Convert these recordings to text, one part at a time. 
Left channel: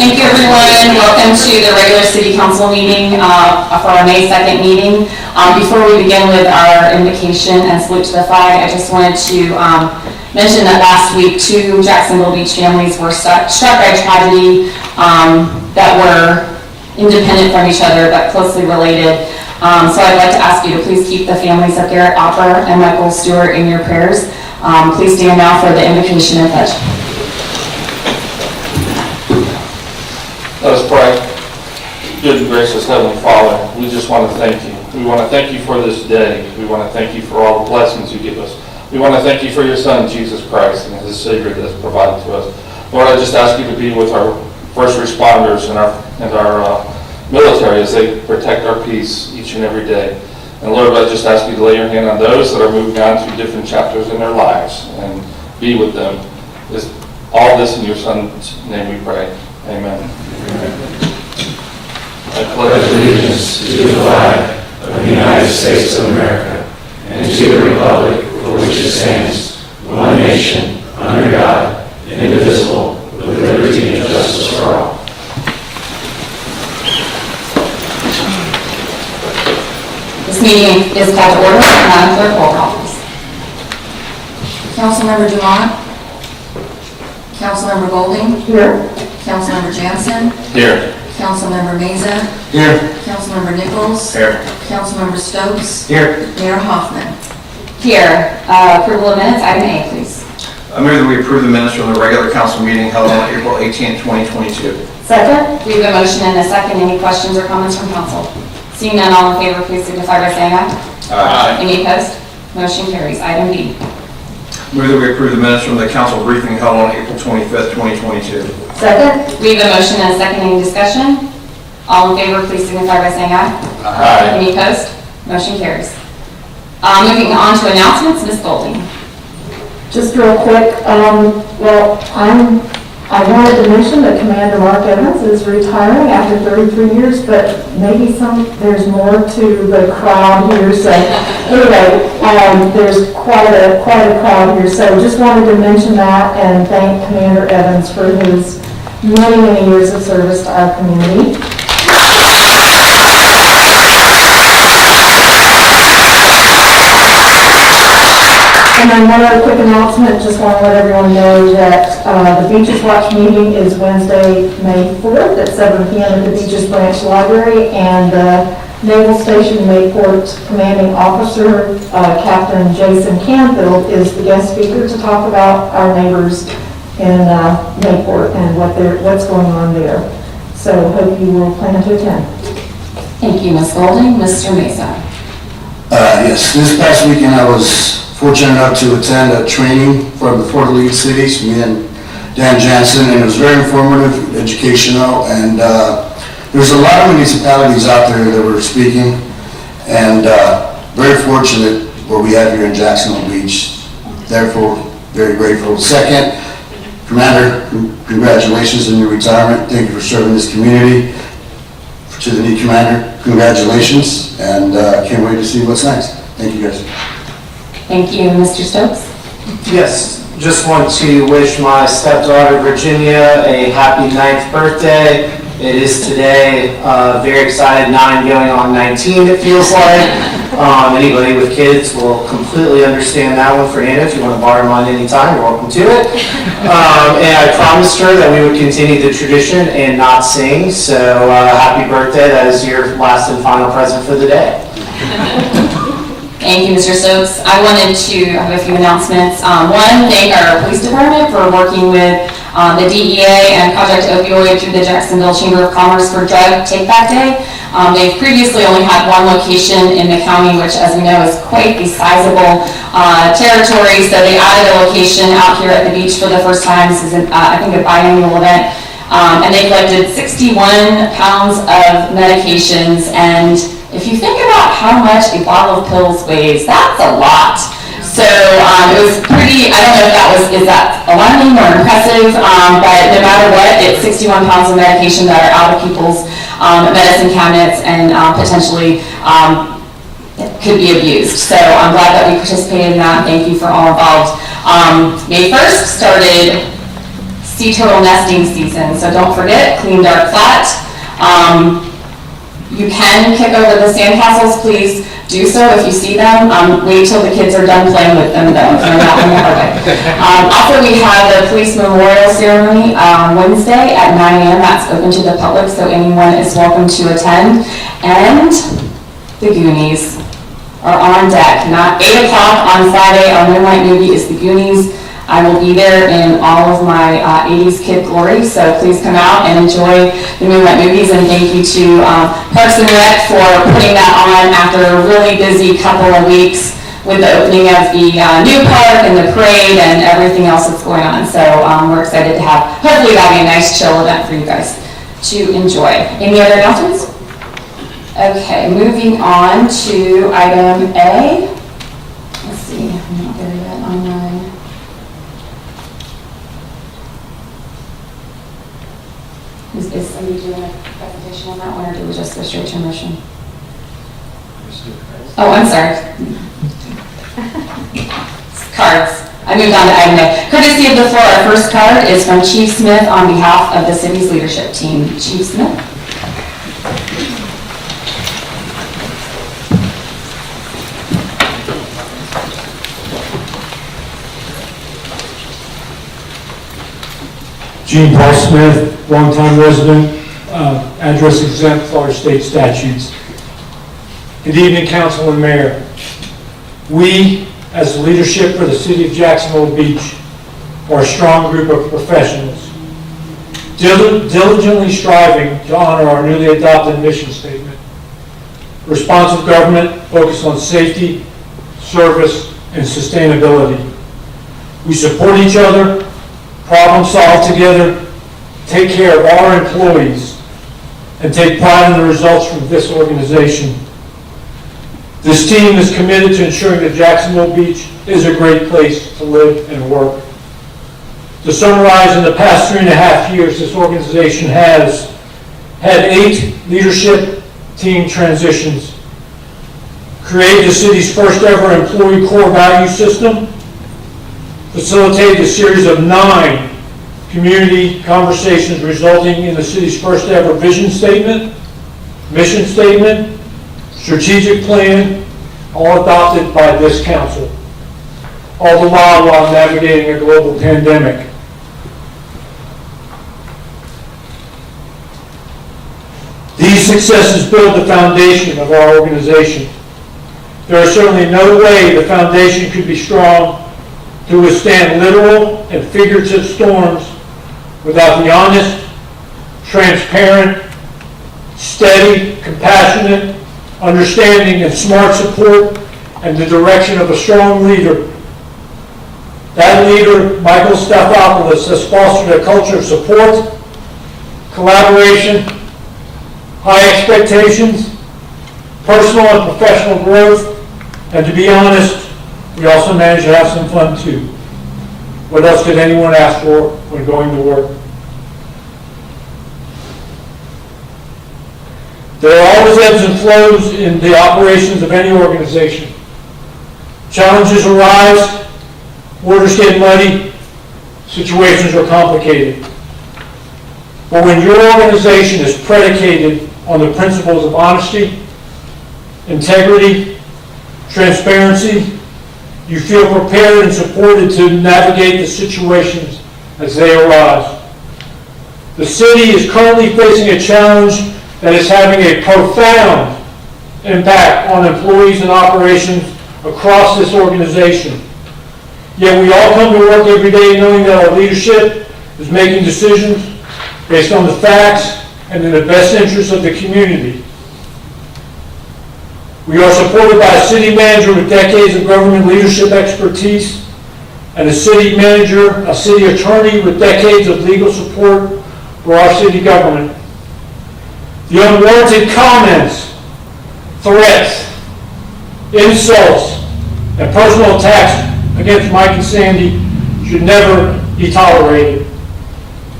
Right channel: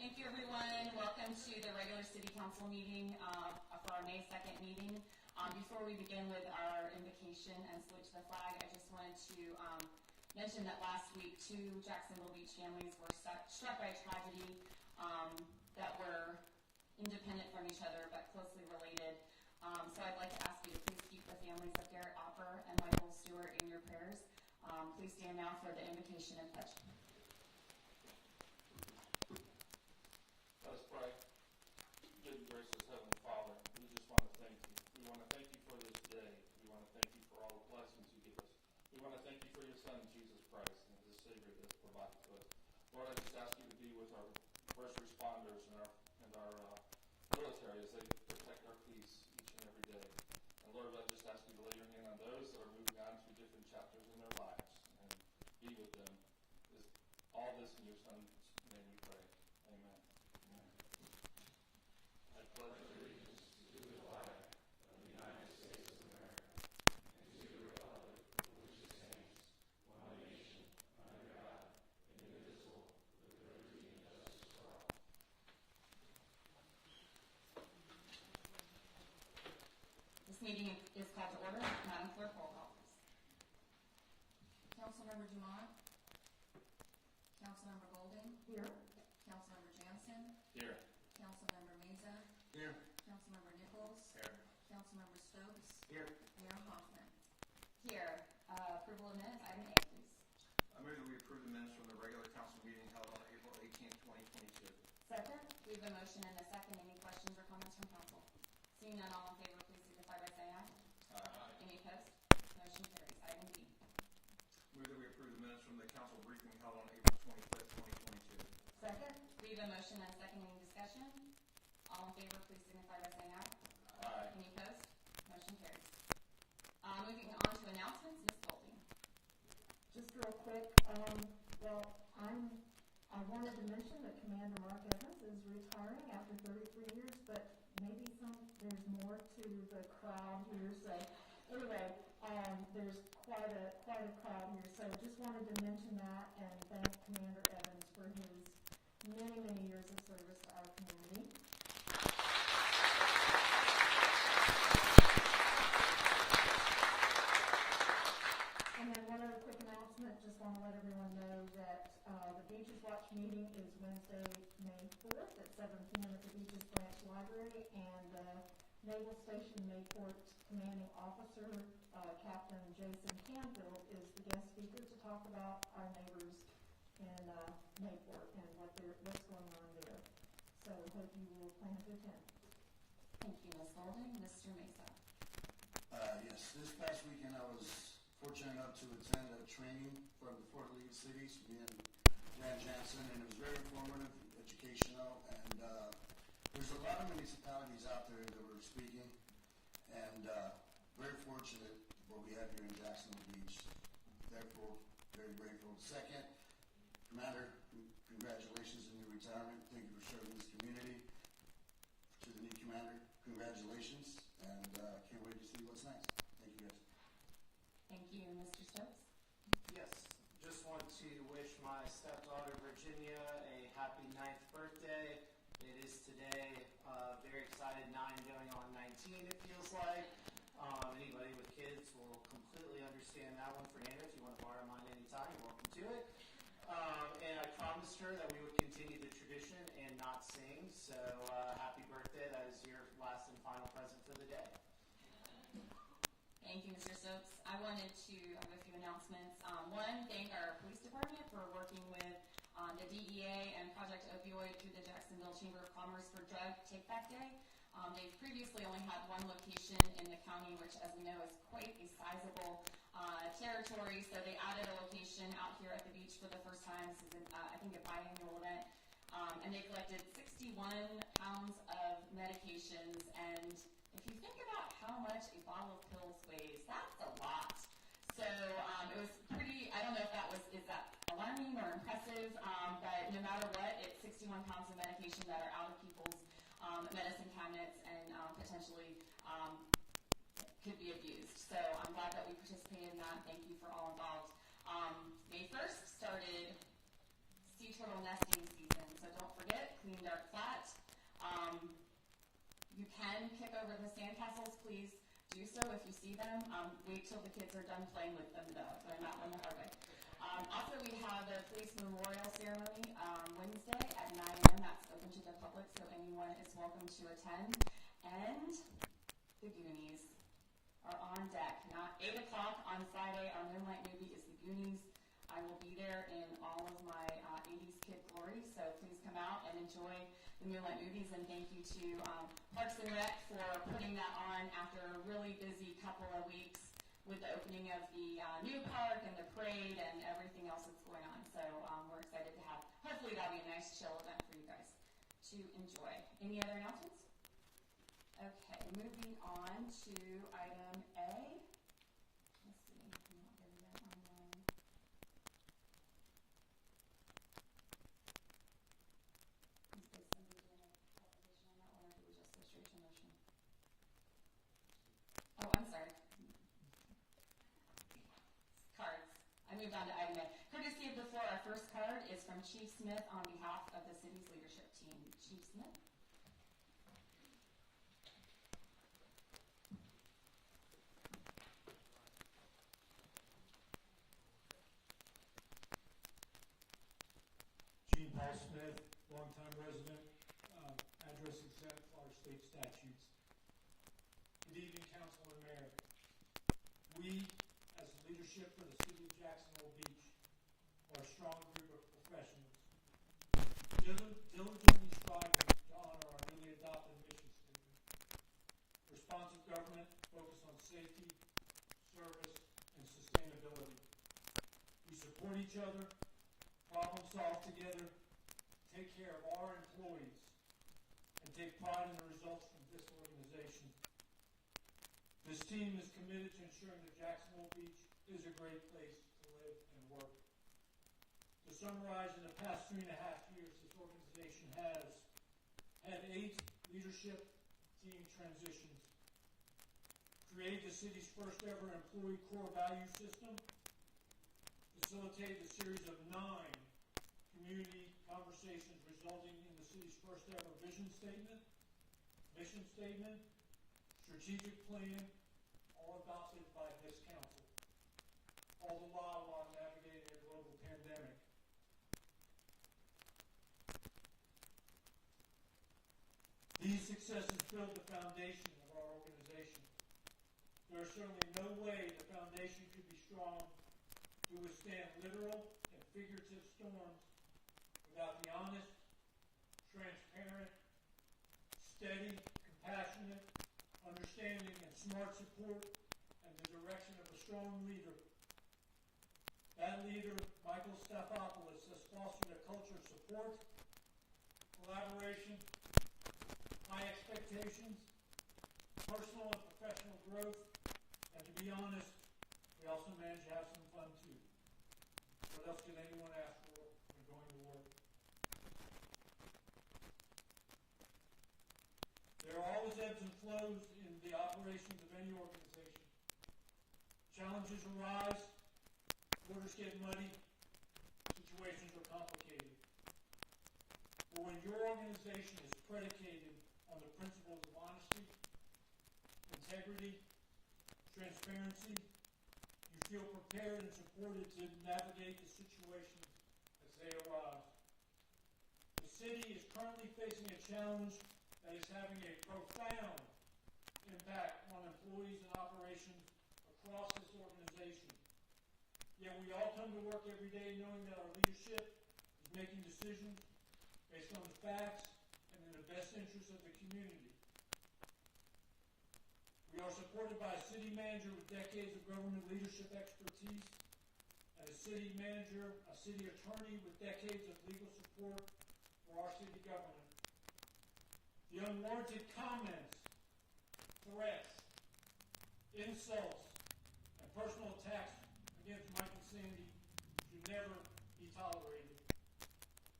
Thank you, everyone. Welcome to the regular city council meeting for our May 2nd meeting. Before we begin with our invocation and salute to the flag, I just wanted to mention that last week 2 Jacksonville Beach families were struck by tragedy that were independent from each other but closely related. So I'd like to ask you to please keep the families of Garrett Opper and Michael Stewart in your prayers. Please stand now for the invocation and pledge. Let us pray. Good and gracious Heavenly Father, we just want to thank you. We want to thank you for this day. We want to thank you for all the blessings you give us. We want to thank you for your Son, Jesus Christ, and his Savior that is provided to us. Lord, I just ask you to be with our first responders and our military as they protect our peace each and every day. And Lord, I just ask you to lay your hand on those that are moving on through different chapters in their lives and be with them. All this in your Son's name we pray. Amen. I pledge allegiance to the flag of the United States of America and to the republic for which it stands, one nation, under God, indivisible, with liberty and justice for all. This meeting is called to order. Madam Clerk, roll call, please. Councilmember Dumont. Councilmember Golding. Here. Councilmember Jansen. Here. Councilmember Meza. Here. Councilmember Nichols. Here. Councilmember Stokes. Here. Mayor Hoffman. Here. Approval of minutes, item A, please. I move that we approve the minutes from the regular council meeting held on April 18, 2022. Second. We have a motion and a second. Any questions or comments from council? Seeing none, all in favor, please signify by saying aye. Aye. Any opposed? Motion carries. Item B. Move that we approve the minutes from the council briefing held on April 25th, 2022. Second. We have a motion and a second. Any discussion? All in favor, please signify by saying aye. Aye. Any opposed? Motion carries. Moving on to announcements, Ms. Golding. Just real quick, I wanted to mention that Commander Mark Evans is retiring after 33 years, but maybe there's more to the crowd here. So anyway, there's quite a crowd here. So just wanted to mention that and thank Commander Evans for his many, many years of service to our community. And then one other quick announcement, just want to let everyone know that the Beaches Watch meeting is Wednesday, May 4th at 7 p.m. at the Beaches Branch Library, and the Naval Station Mayport Commanding Officer, Captain Jason Canfield, is the guest speaker to talk about our neighbors in Mayport and what's going on there. So hope you will plan to attend. Thank you, Ms. Golding. Mr. Mesa. Yes, this past weekend I was fortunate enough to attend a training from the 4 League Cities, me and Dan Jansen, and it was very informative, educational, and there's a lot of municipalities out there that were speaking, and very fortunate what we have here in Jacksonville Beach. Therefore, very grateful. Second, Commander, congratulations on your retirement. Thank you for serving this community. To the new Commander, congratulations, and can't wait to see what's next. Thank you, guys. Thank you, Mr. Stokes. Yes, just want to wish my stepdaughter Virginia a happy 9th birthday. It is today. Very excited, 9 going on 19 it feels like. Anybody with kids will completely understand that one for Anna. If you want to borrow mine anytime, you're welcome to it. And I promised her that we would continue the tradition and not sing. So happy birthday. That is your last and final present for the day. Thank you, Mr. Stokes. I wanted to have a few announcements. One, thank our police department for working with the DEA and Project Opioid through the Jacksonville Chamber of Commerce for Drug Take Back Day. They've previously only had one location in the county, which, as we know, is quite a sizable territory. So they added a location out here at the beach for the first time. This is, I think, a biannual event. And they collected 61 pounds of medications. And if you think about how much a bottle of pills weighs, that's a lot. So it was pretty, I don't know if is that alarming or impressive, but no matter what, it's 61 pounds of medication that are out of people's medicine cabinets and potentially could be abused. So I'm glad that we participated in that. Thank you for all involved. May 1st started sea turtle nesting season. So don't forget, clean, dark, flat. You can kick over the sandcastles, please do so if you see them. Wait till the kids are done playing with them though, if they're not in the hallway. Also, we have the police memorial ceremony Wednesday at 9 a.m. That's open to the public, so anyone is welcome to attend. And the Goonies are on deck. 8 o'clock on Friday, our midnight movie is the Goonies. I will be there in all of my 80s kid glory, so please come out and enjoy the Moonlight Movies, and thank you to Parks and Rec for putting that on after a really busy couple of weeks with the opening of the new park and the parade and everything else that's going on. So we're excited to have, hopefully that'll be a nice chill event for you guys to enjoy. Any other announcements? Okay, moving on to item A. Let's see, I'm not there yet on my... Is somebody doing a presentation on that one, or do we just go straight to a motion? Oh, I'm sorry. Cards. I moved on to item A. Courtesy of the floor, our first card is from Chief Smith on behalf of the city's leadership team. Chief Smith. Gene Paul Smith, longtime resident, address exempt Florida state statutes. Good evening, Council and Mayor. We, as the leadership for the City of Jacksonville Beach, are a strong group of professionals, diligently striving to honor our newly adopted mission statement. Responsive government focused on safety, service, and sustainability. We support each other, problem solve together, take care of our employees, and take pride in the results from this organization. This team is committed to ensuring that Jacksonville Beach is a great place to live and work. To summarize, in the past 3.5 years, this organization has had 8 leadership team transitions, created the city's first ever employee core value system, facilitated a series of 9 community conversations resulting in the city's first ever vision statement, mission statement, strategic plan, all adopted by this council, all the while navigating a global pandemic. These successes build the foundation of our organization. There is certainly no way the foundation could be strong to withstand literal and figurative storms without the honest, transparent, steady, compassionate, understanding, and smart support and the direction of a strong leader. That leader, Michael Stathopoulos, has fostered a culture of support, collaboration, high expectations, personal and professional growth, and to be honest, we also manage to have some fun too. What else could anyone ask for when going to work? There are always ebbs and flows in the operations of any organization. Challenges arise, waters get muddy, situations are complicated. But when your organization is predicated on the principles of honesty, integrity, transparency, you feel prepared and supported to navigate the situations as they arise. The city is currently facing a challenge that is having a profound impact on employees and operations across this organization. Yet we all come to work every day knowing that our leadership is making decisions based on the facts and in the best interest of the community. We are supported by a city manager with decades of government leadership expertise and a city manager, a city attorney with decades of legal support for our city government. The unwarranted comments, threats, insults, and personal attacks against Mike and Sandy should never be tolerated.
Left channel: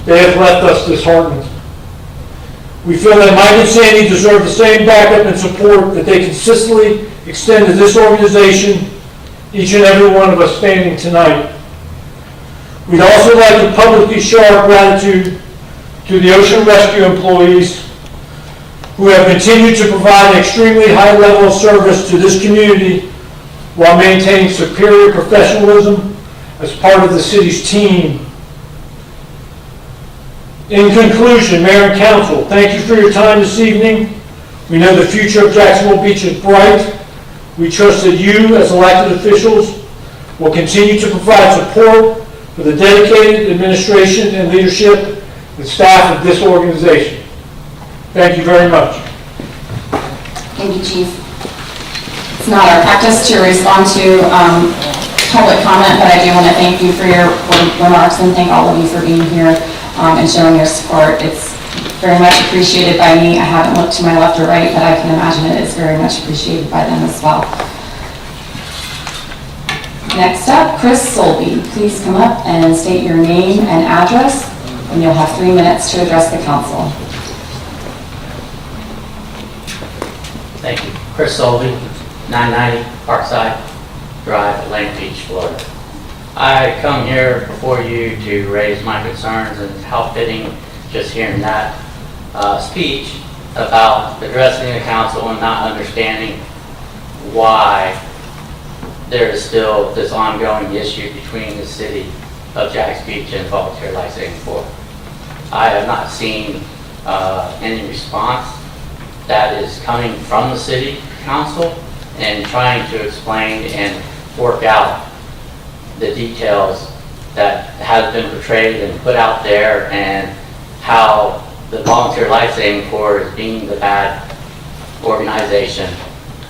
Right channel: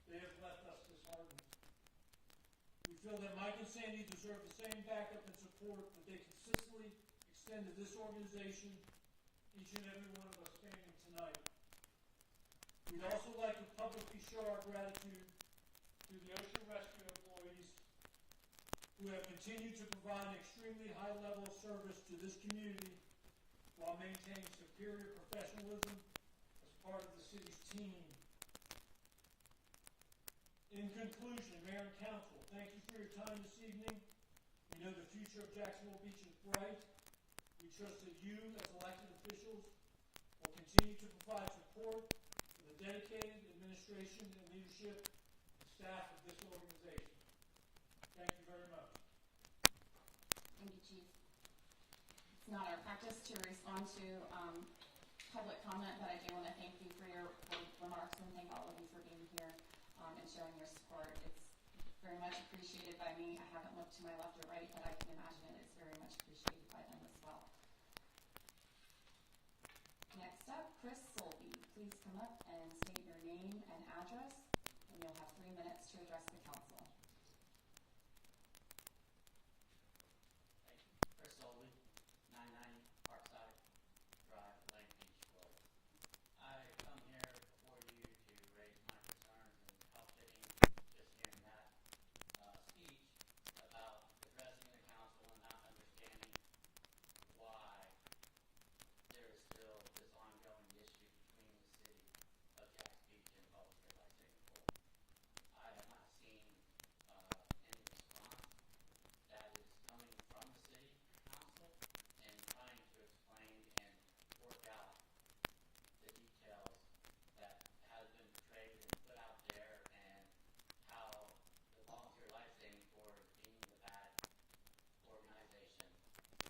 They have left us disheartened. We feel that Mike and Sandy deserve the same backup and support that they consistently extend to this organization, each and every one of us standing tonight. We'd also like to publicly show our gratitude to the ocean rescue employees who have continued to provide an extremely high level of service to this community while maintaining superior professionalism as part of the city's team. In conclusion, Mayor and Council, thank you for your time this evening. We know the future of Jacksonville Beach is bright. We trust that you, as elected officials, will continue to provide support for the dedicated administration and leadership and staff of this organization. Thank you very much. Thank you, Chief. It's not our practice to respond to public comment, but I do want to thank you for your remarks and thank all of you for being here and showing your support. It's very much appreciated by me. I haven't looked to my left or right, but I can imagine it is very much appreciated by them as well. Next up, Chris Solby. Please come up and state your name and address, and you'll have 3 minutes to address the council. Thank you. Chris Solby, 990 Parkside Drive, Atlantic Beach, Florida. I come here before you to raise my concerns, and how fitting just hearing that speech about addressing the council and not understanding why there is still this ongoing issue between the city of Jax Beach and Volunteer Lifesaving Corps. I have not seen any response that is coming from the city council and trying to explain and work out the details that have been portrayed and put out there, and how the Volunteer Lifesaving Corps is being the bad organization.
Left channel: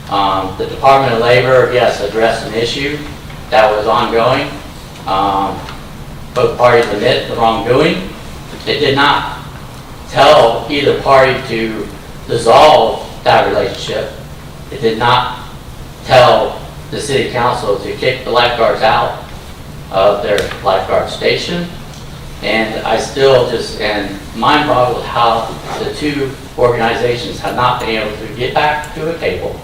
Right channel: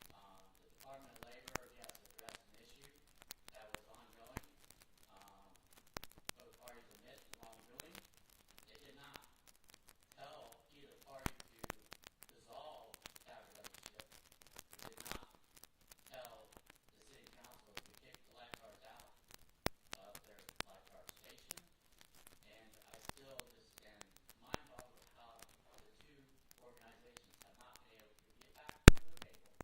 The Department of Labor, yes, addressed an issue that was ongoing. Both parties admit the wrongdoing. It did not tell either party to dissolve that relationship. It did not tell the city council to kick the lifeguards out of their lifeguard station. And I still just am mind boggled how the two organizations have not been able to get back to a table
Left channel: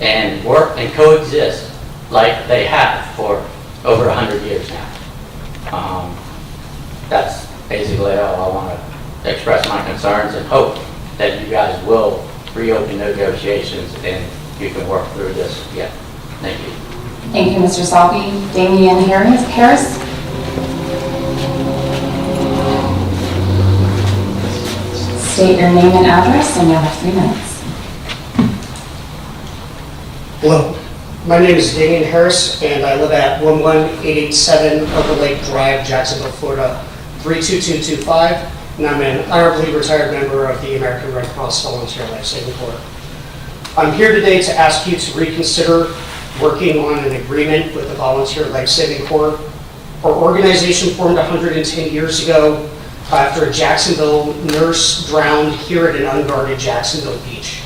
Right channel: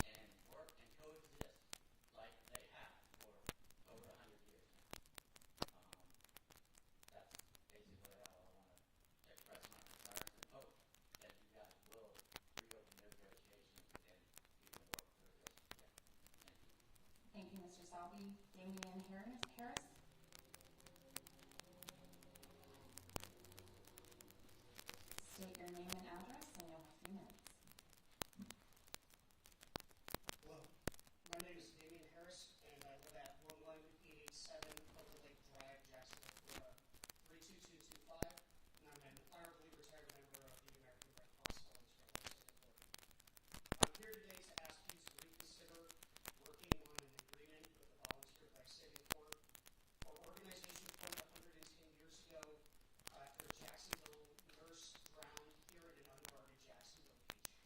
and work and coexist like they have for over 100 years now. That's basically all I want to express my concerns, and hope that you guys will reopen negotiations and you can work through this again. Thank you. Thank you, Mr. Salvi. Damian Harris. State your name and address, and you'll have 3 minutes. Hello, my name is Damian Harris, and I live at 11887 Upper Lake Drive, Jacksonville, Florida, 32225, and I'm an honorably retired member of the American Red Cross Volunteer Lifesaving Corps. I'm here today to ask you to reconsider working on an agreement with the Volunteer Lifesaving Corps. Our organization formed 110 years ago after a Jacksonville nurse drowned here at an unguarded Jacksonville beach.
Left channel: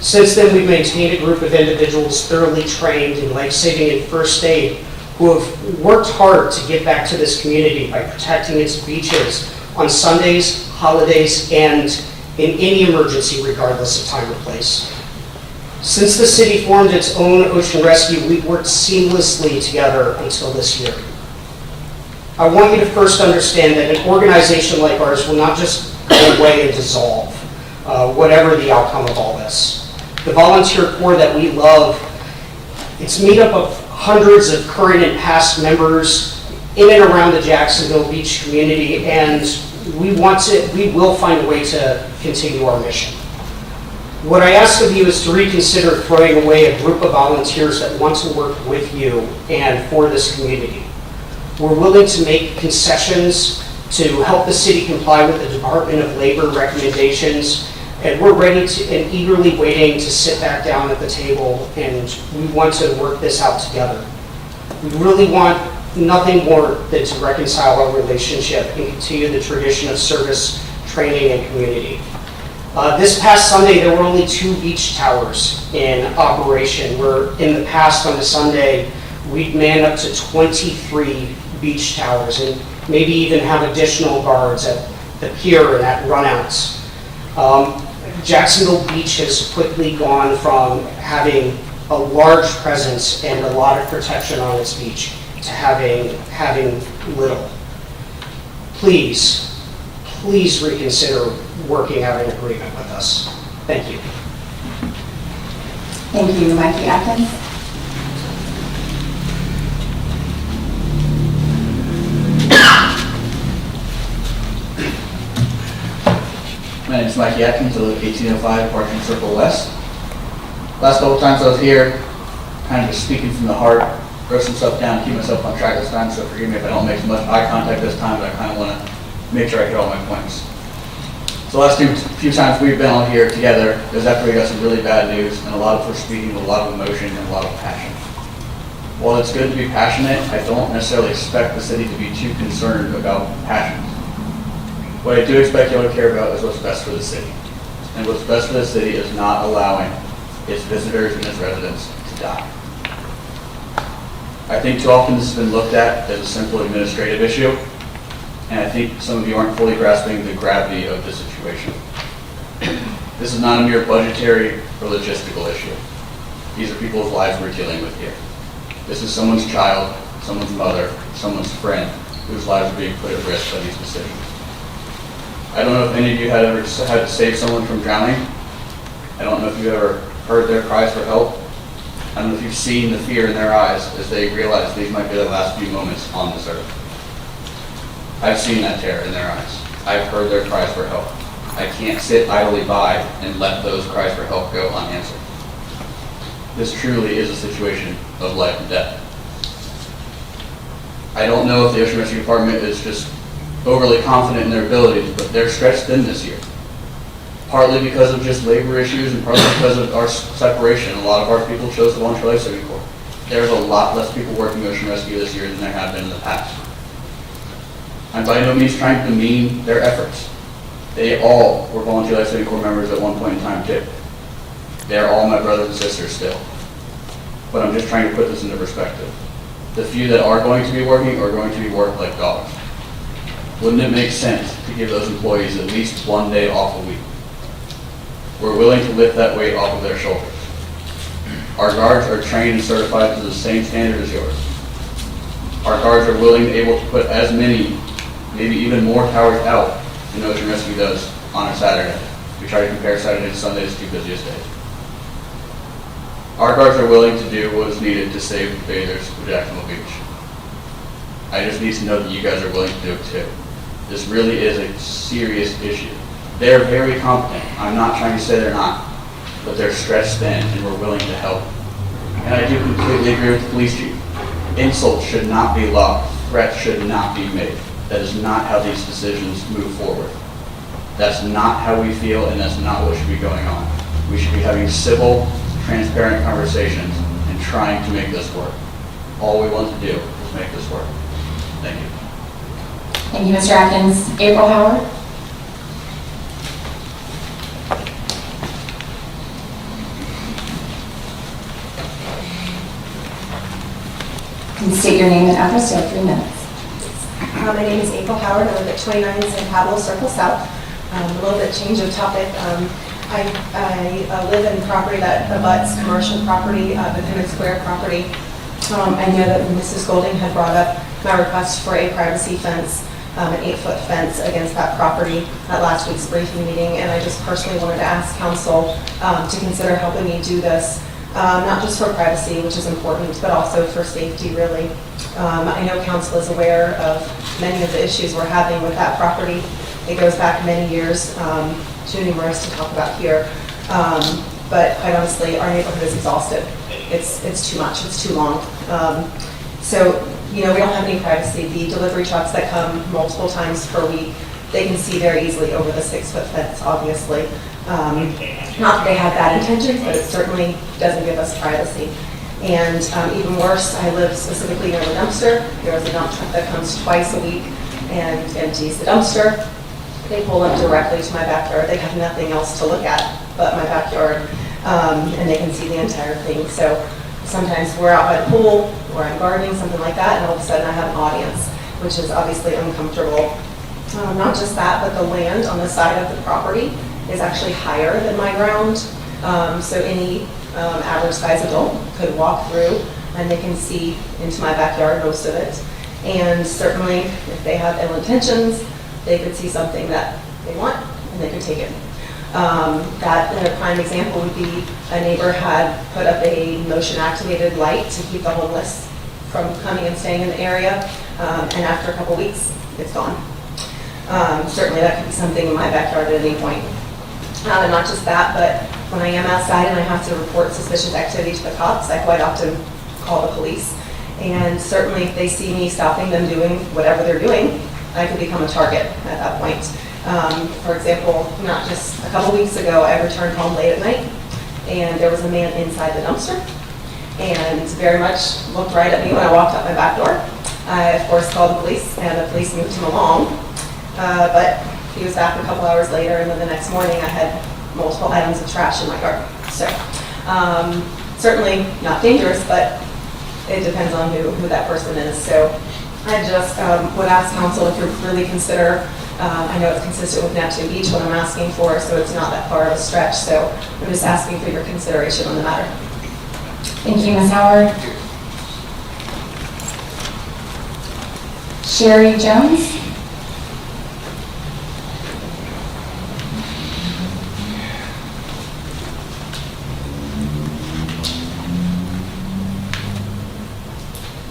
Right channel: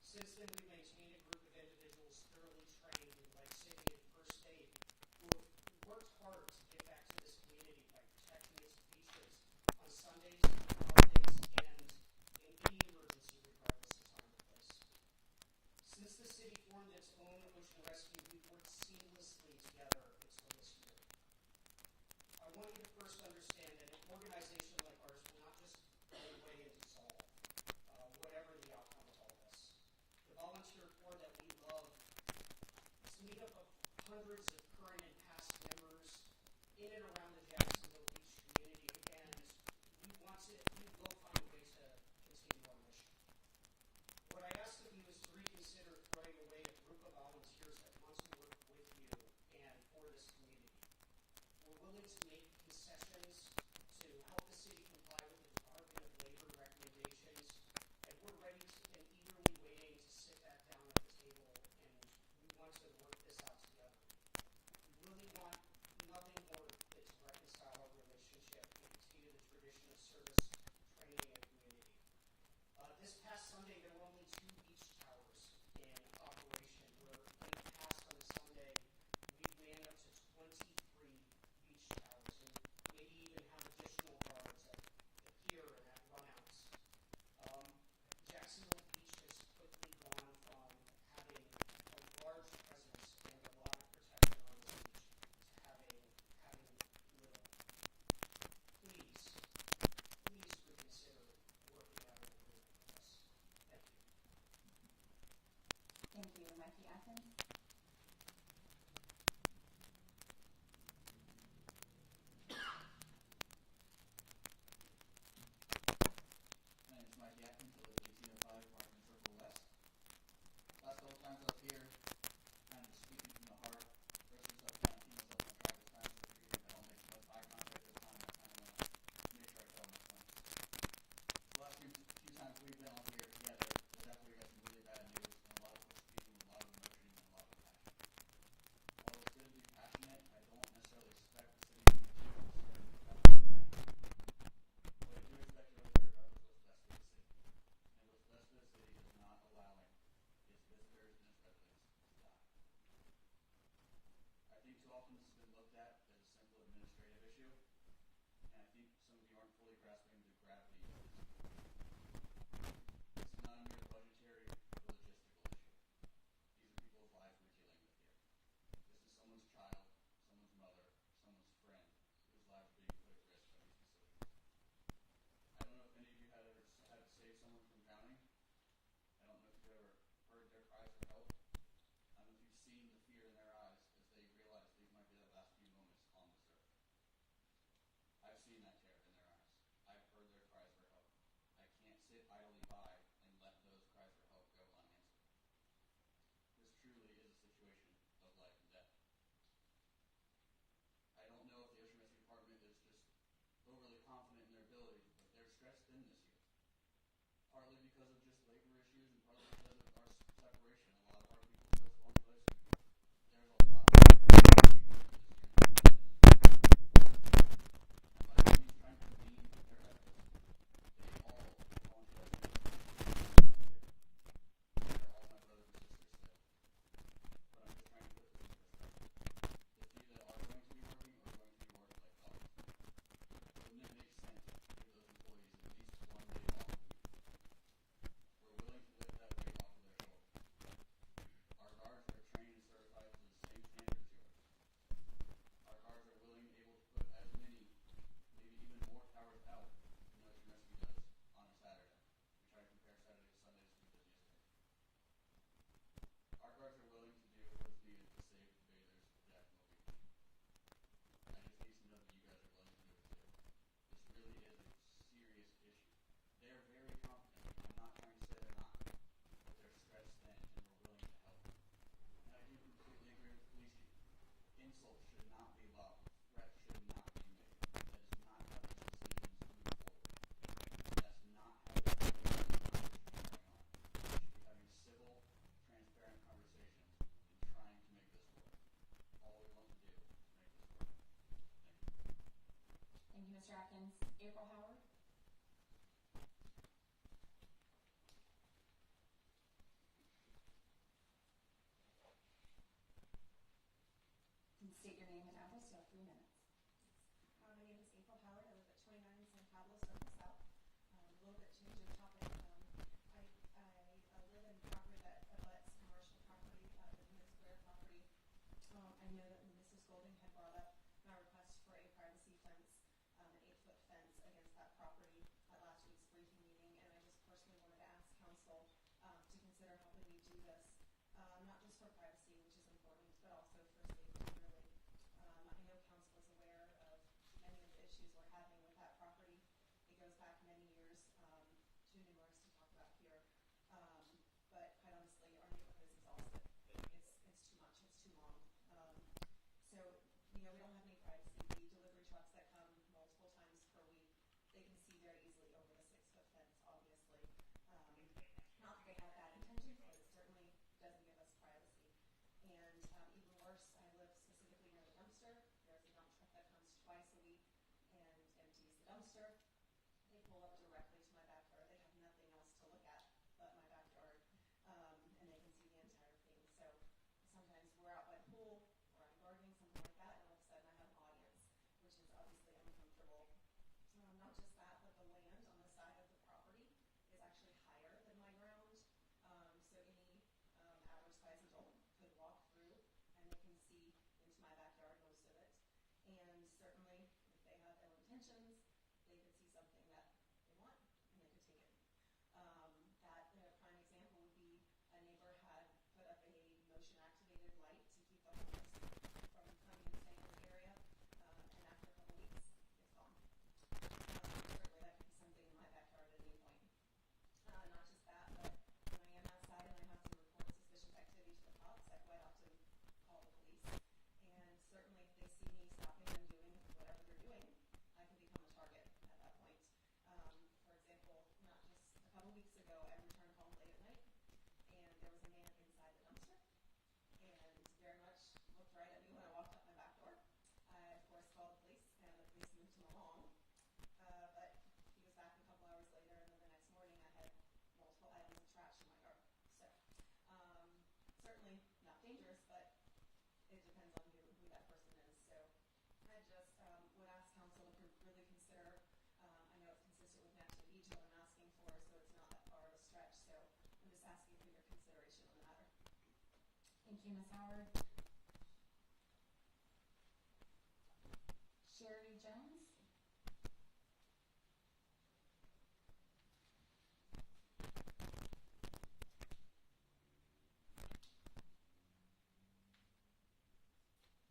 Since then, we've maintained a group of individuals thoroughly trained in life-saving and first aid who have worked hard to give back to this community by protecting its beaches on Sundays, holidays, and in any emergency, regardless of time or place. Since the city formed its own ocean rescue, we've worked seamlessly together until this year. I want you to first understand that an organization like ours will not just go away and dissolve, whatever the outcome of all this. The volunteer corps that we love, it's made up of hundreds of current and past members in and around the Jacksonville Beach community, and we will find a way to continue our mission. What I ask of you is to reconsider throwing away a group of volunteers that want to work with you and for this community. We're willing to make concessions to help the city comply with the Department of Labor recommendations, and we're ready to and eagerly waiting to sit back down at the table, and we want to work this out together. We really want nothing more than to reconcile our relationship and continue the tradition of service, training, and community. This past Sunday, there were only 2 beach towers in operation, where in the past on a Sunday, we'd man up to 23 beach towers and maybe even have additional guards at the pier and at runouts. Jacksonville Beach has quickly gone from having a large presence and a lot of protection on its beach to having little. please, please reconsider working out an agreement with us. Thank you. Thank you, Mikey Atkins. My name is Mikey Atkins. I live at 1805 Parking Circle West. Last couple times I was here, kind of just speaking from the heart, wrote some stuff down, keep myself on track this time, so forgive me if I don't make as much eye contact this time, but I kind of want to make sure I hit all my points. So the last few times we've been on here together is after we got some really bad news, and a lot of us speaking with a lot of emotion and a lot of passion. While it's good to be passionate, I don't necessarily expect the city to be too concerned about passion. What I do expect y'all to care about is what's best for the city. And what's best for the city is not allowing its visitors and its residents to die. I think too often this has been looked at as a simple administrative issue, and I think some of you aren't fully grasping the gravity of the situation. This is not a mere budgetary or logistical issue. These are people's lives we're dealing with here. This is someone's child, someone's mother, someone's friend, whose lives are being put at risk by these decisions. I don't know if any of you had ever had to save someone from drowning. I don't know if you ever heard their cries for help. I don't know if you've seen the fear in their eyes as they realize these might be their last few moments on this earth. I've seen that terror in their eyes. I've heard their cries for help. I can't sit idly by and let those cries for help go unanswered. This truly is a situation of life and death. I don't know if the Ocean Rescue Department is just overly confident in their abilities, but they're stretched thin this year. Partly because of just labor issues and partly because of our separation. A lot of our people chose the Volunteer Life Saving Corps. There's a lot less people working ocean rescue this year than there have been in the past. I'm by no means trying to demean their efforts. They all were Volunteer Life Saving Corps members at one point in time too. They're all my brothers and sisters still. But I'm just trying to put this into perspective. The few that are going to be working are going to be worked like dogs. Wouldn't it make sense to give those employees at least one day off a week? We're willing to lift that weight off of their shoulders. Our guards are trained and certified to the same standard as yours. Our guards are willing and able to put as many, maybe even more towers out than Ocean Rescue does on a Saturday. We try to compare Saturday to Sunday as two busiest days. Our guards are willing to do what is needed to save the bathers of Jacksonville Beach. I just need to know that you guys are willing to do it too. This really is a serious issue. They're very competent. I'm not trying to say they're not, but they're stretched thin and we're willing to help. And I do completely agree with the police chief. Insults should not be allowed. Threats should not be made. That is not how these decisions move forward. That's not how we feel and that's not what should be going on. We should be having civil, transparent conversations and trying to make this work. All we want to do is make this work. Thank you. Thank you, Mr. Atkins. April Howard? And state your name and address. You have 3 minutes. My name is April Howard. I live at 29 San Pablo Circle South. A little bit change of topic. I live in property that abuts commercial property, the Pennant Square property. I know that Mrs. Golding had brought up my request for a privacy fence, an 8-foot fence against that property at last week's briefing meeting, and I just personally wanted to ask council to consider helping me do this, not just for privacy, which is important, but also for safety, really. I know council is aware of many of the issues we're having with that property. It goes back many years, too numerous to talk about here. But quite honestly, our neighborhood is exhausted. It's too much, it's too long. So, you know, we don't have any privacy. The delivery trucks that come multiple times per week, they can see very easily over the 6-foot fence, obviously. Not that they have bad intentions, but it certainly doesn't give us privacy. And even worse, I live specifically near the dumpster. There's a dump truck that comes twice a week and empties the dumpster. They pull up directly to my backyard. They have nothing else to look at but my backyard, and they can see the entire thing. So sometimes we're out by the pool, or I'm gardening, something like that, and all of a sudden I have an audience, which is obviously uncomfortable. Not just that, but the land on the side of the property is actually higher than my ground. So any average size adult could walk through and they can see into my backyard, most of it. And certainly if they have ill intentions, they could see something that they want and they could take it. That a prime example would be a neighbor had put up a motion-activated light to keep the homeless from coming and staying in the area, and after a couple weeks, it's gone. Certainly that could be something in my backyard at any point. And not just that, but when I am outside and I have to report suspicious activity to the cops, I quite often call the police. And certainly if they see me stopping them doing whatever they're doing, I could become a target at that point. For example, not just a couple weeks ago, I returned home late at night, and there was a man inside the dumpster, and very much looked right at me when I walked out my back door. I, of course, called the police, and the police moved him along, but he was back a couple hours later, and then the next morning I had multiple items of trash in my yard. So certainly not dangerous, but it depends on who that person is. So I just would ask council if you really consider, I know it's consistent with Neptune Beach, what I'm asking for, so it's not that far of a stretch. So I'm just asking for your consideration on the matter. Thank you, Ms. Howard. Sherry Jones?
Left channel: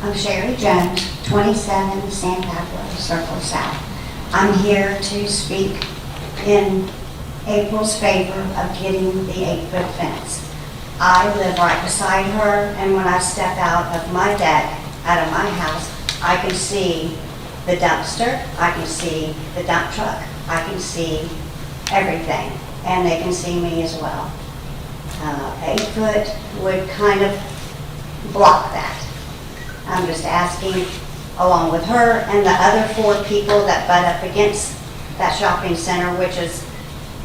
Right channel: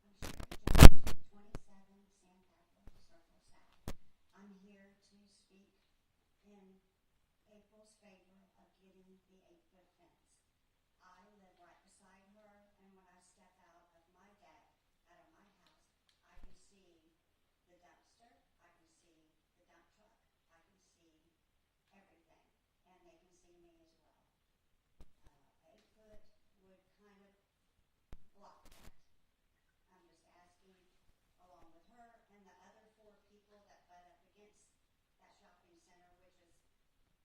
I'm Sherry Jones, 27 San Pablo Circle South. I'm here to speak in April's favor of getting the 8-foot fence. I live right beside her, and when I step out of my deck, out of my house, I can see the dumpster, I can see the dump truck, I can see everything, and they can see me as well. 8 foot would kind of block that. I'm just asking, along with her and the other 4 people that butt up against that shopping center, which is,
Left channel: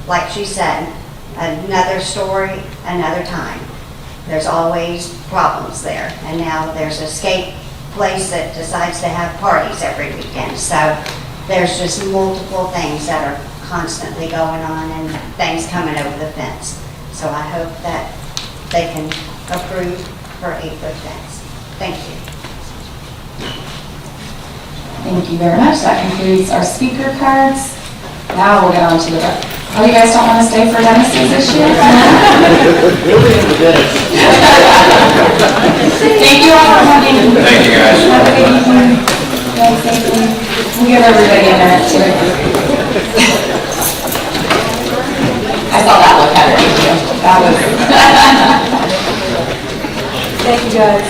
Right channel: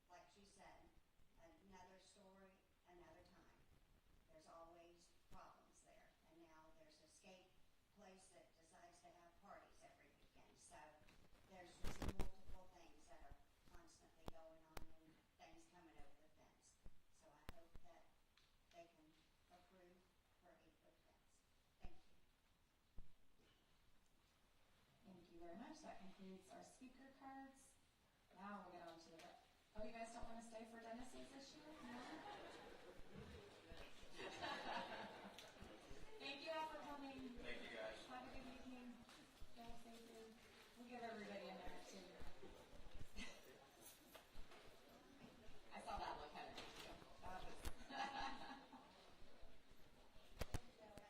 like she said, another story, another time. There's always problems there. And now there's an escape place that decides to have parties every weekend. So there's just multiple things that are constantly going on and things coming over the fence. So I hope that they can approve her 8-foot fence. Thank you. Thank you very much. That concludes our speaker cards. Now we'll get on to the, oh, you guys don't want to stay for Dennis's this year? Thank you all for coming. Thank you, guys. Have a good evening. Drive safely. We'll give everybody a minute too. I saw that look at it. That was. Thank you, guys.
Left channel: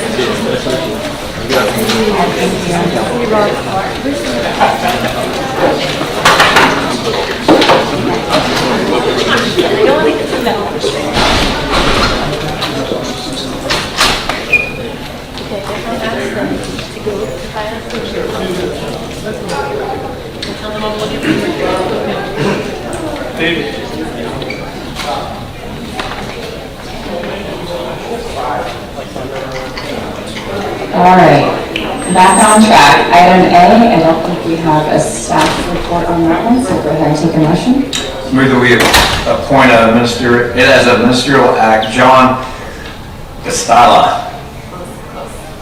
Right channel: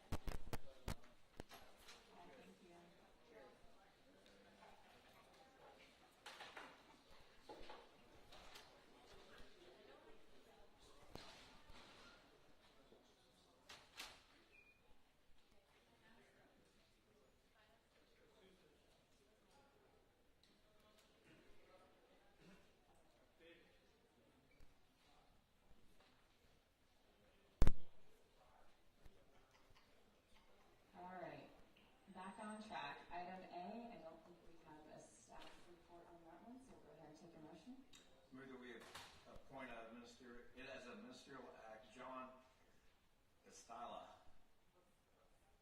All right, back on track. Item A, I don't think we have a staff report on that one, so go ahead and take a motion. Move that we appoint as a ministerial act, John Castalla.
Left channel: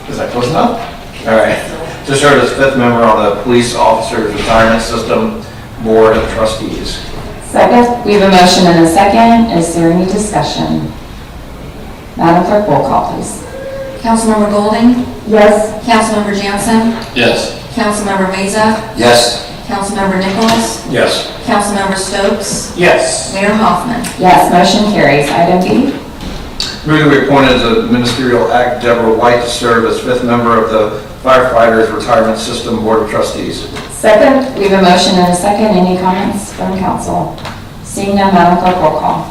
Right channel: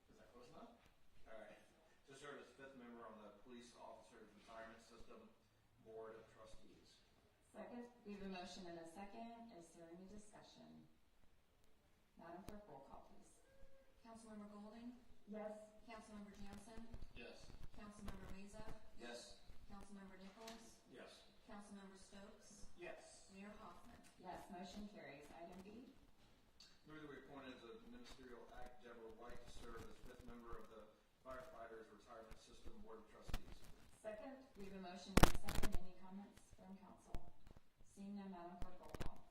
Is that close enough? All right. To serve as 5th member on the Police Officers Retirement System Board of Trustees. Second, we have a motion and a second. Is there any discussion? Madam Clerk, roll call, please. Councilmember Golding? Yes. Councilmember Jansen? Yes. Councilmember Meza? Yes. Councilmember Nichols? Yes. Councilmember Stokes? Yes. Mayor Hoffman? Yes, motion carries. Item B. Move that we appoint as a ministerial act Deborah White to serve as 5th member of the Firefighters Retirement System Board of Trustees. Second, we have a motion and a second. Any comments from council? Seeing none, Madam Clerk, roll call.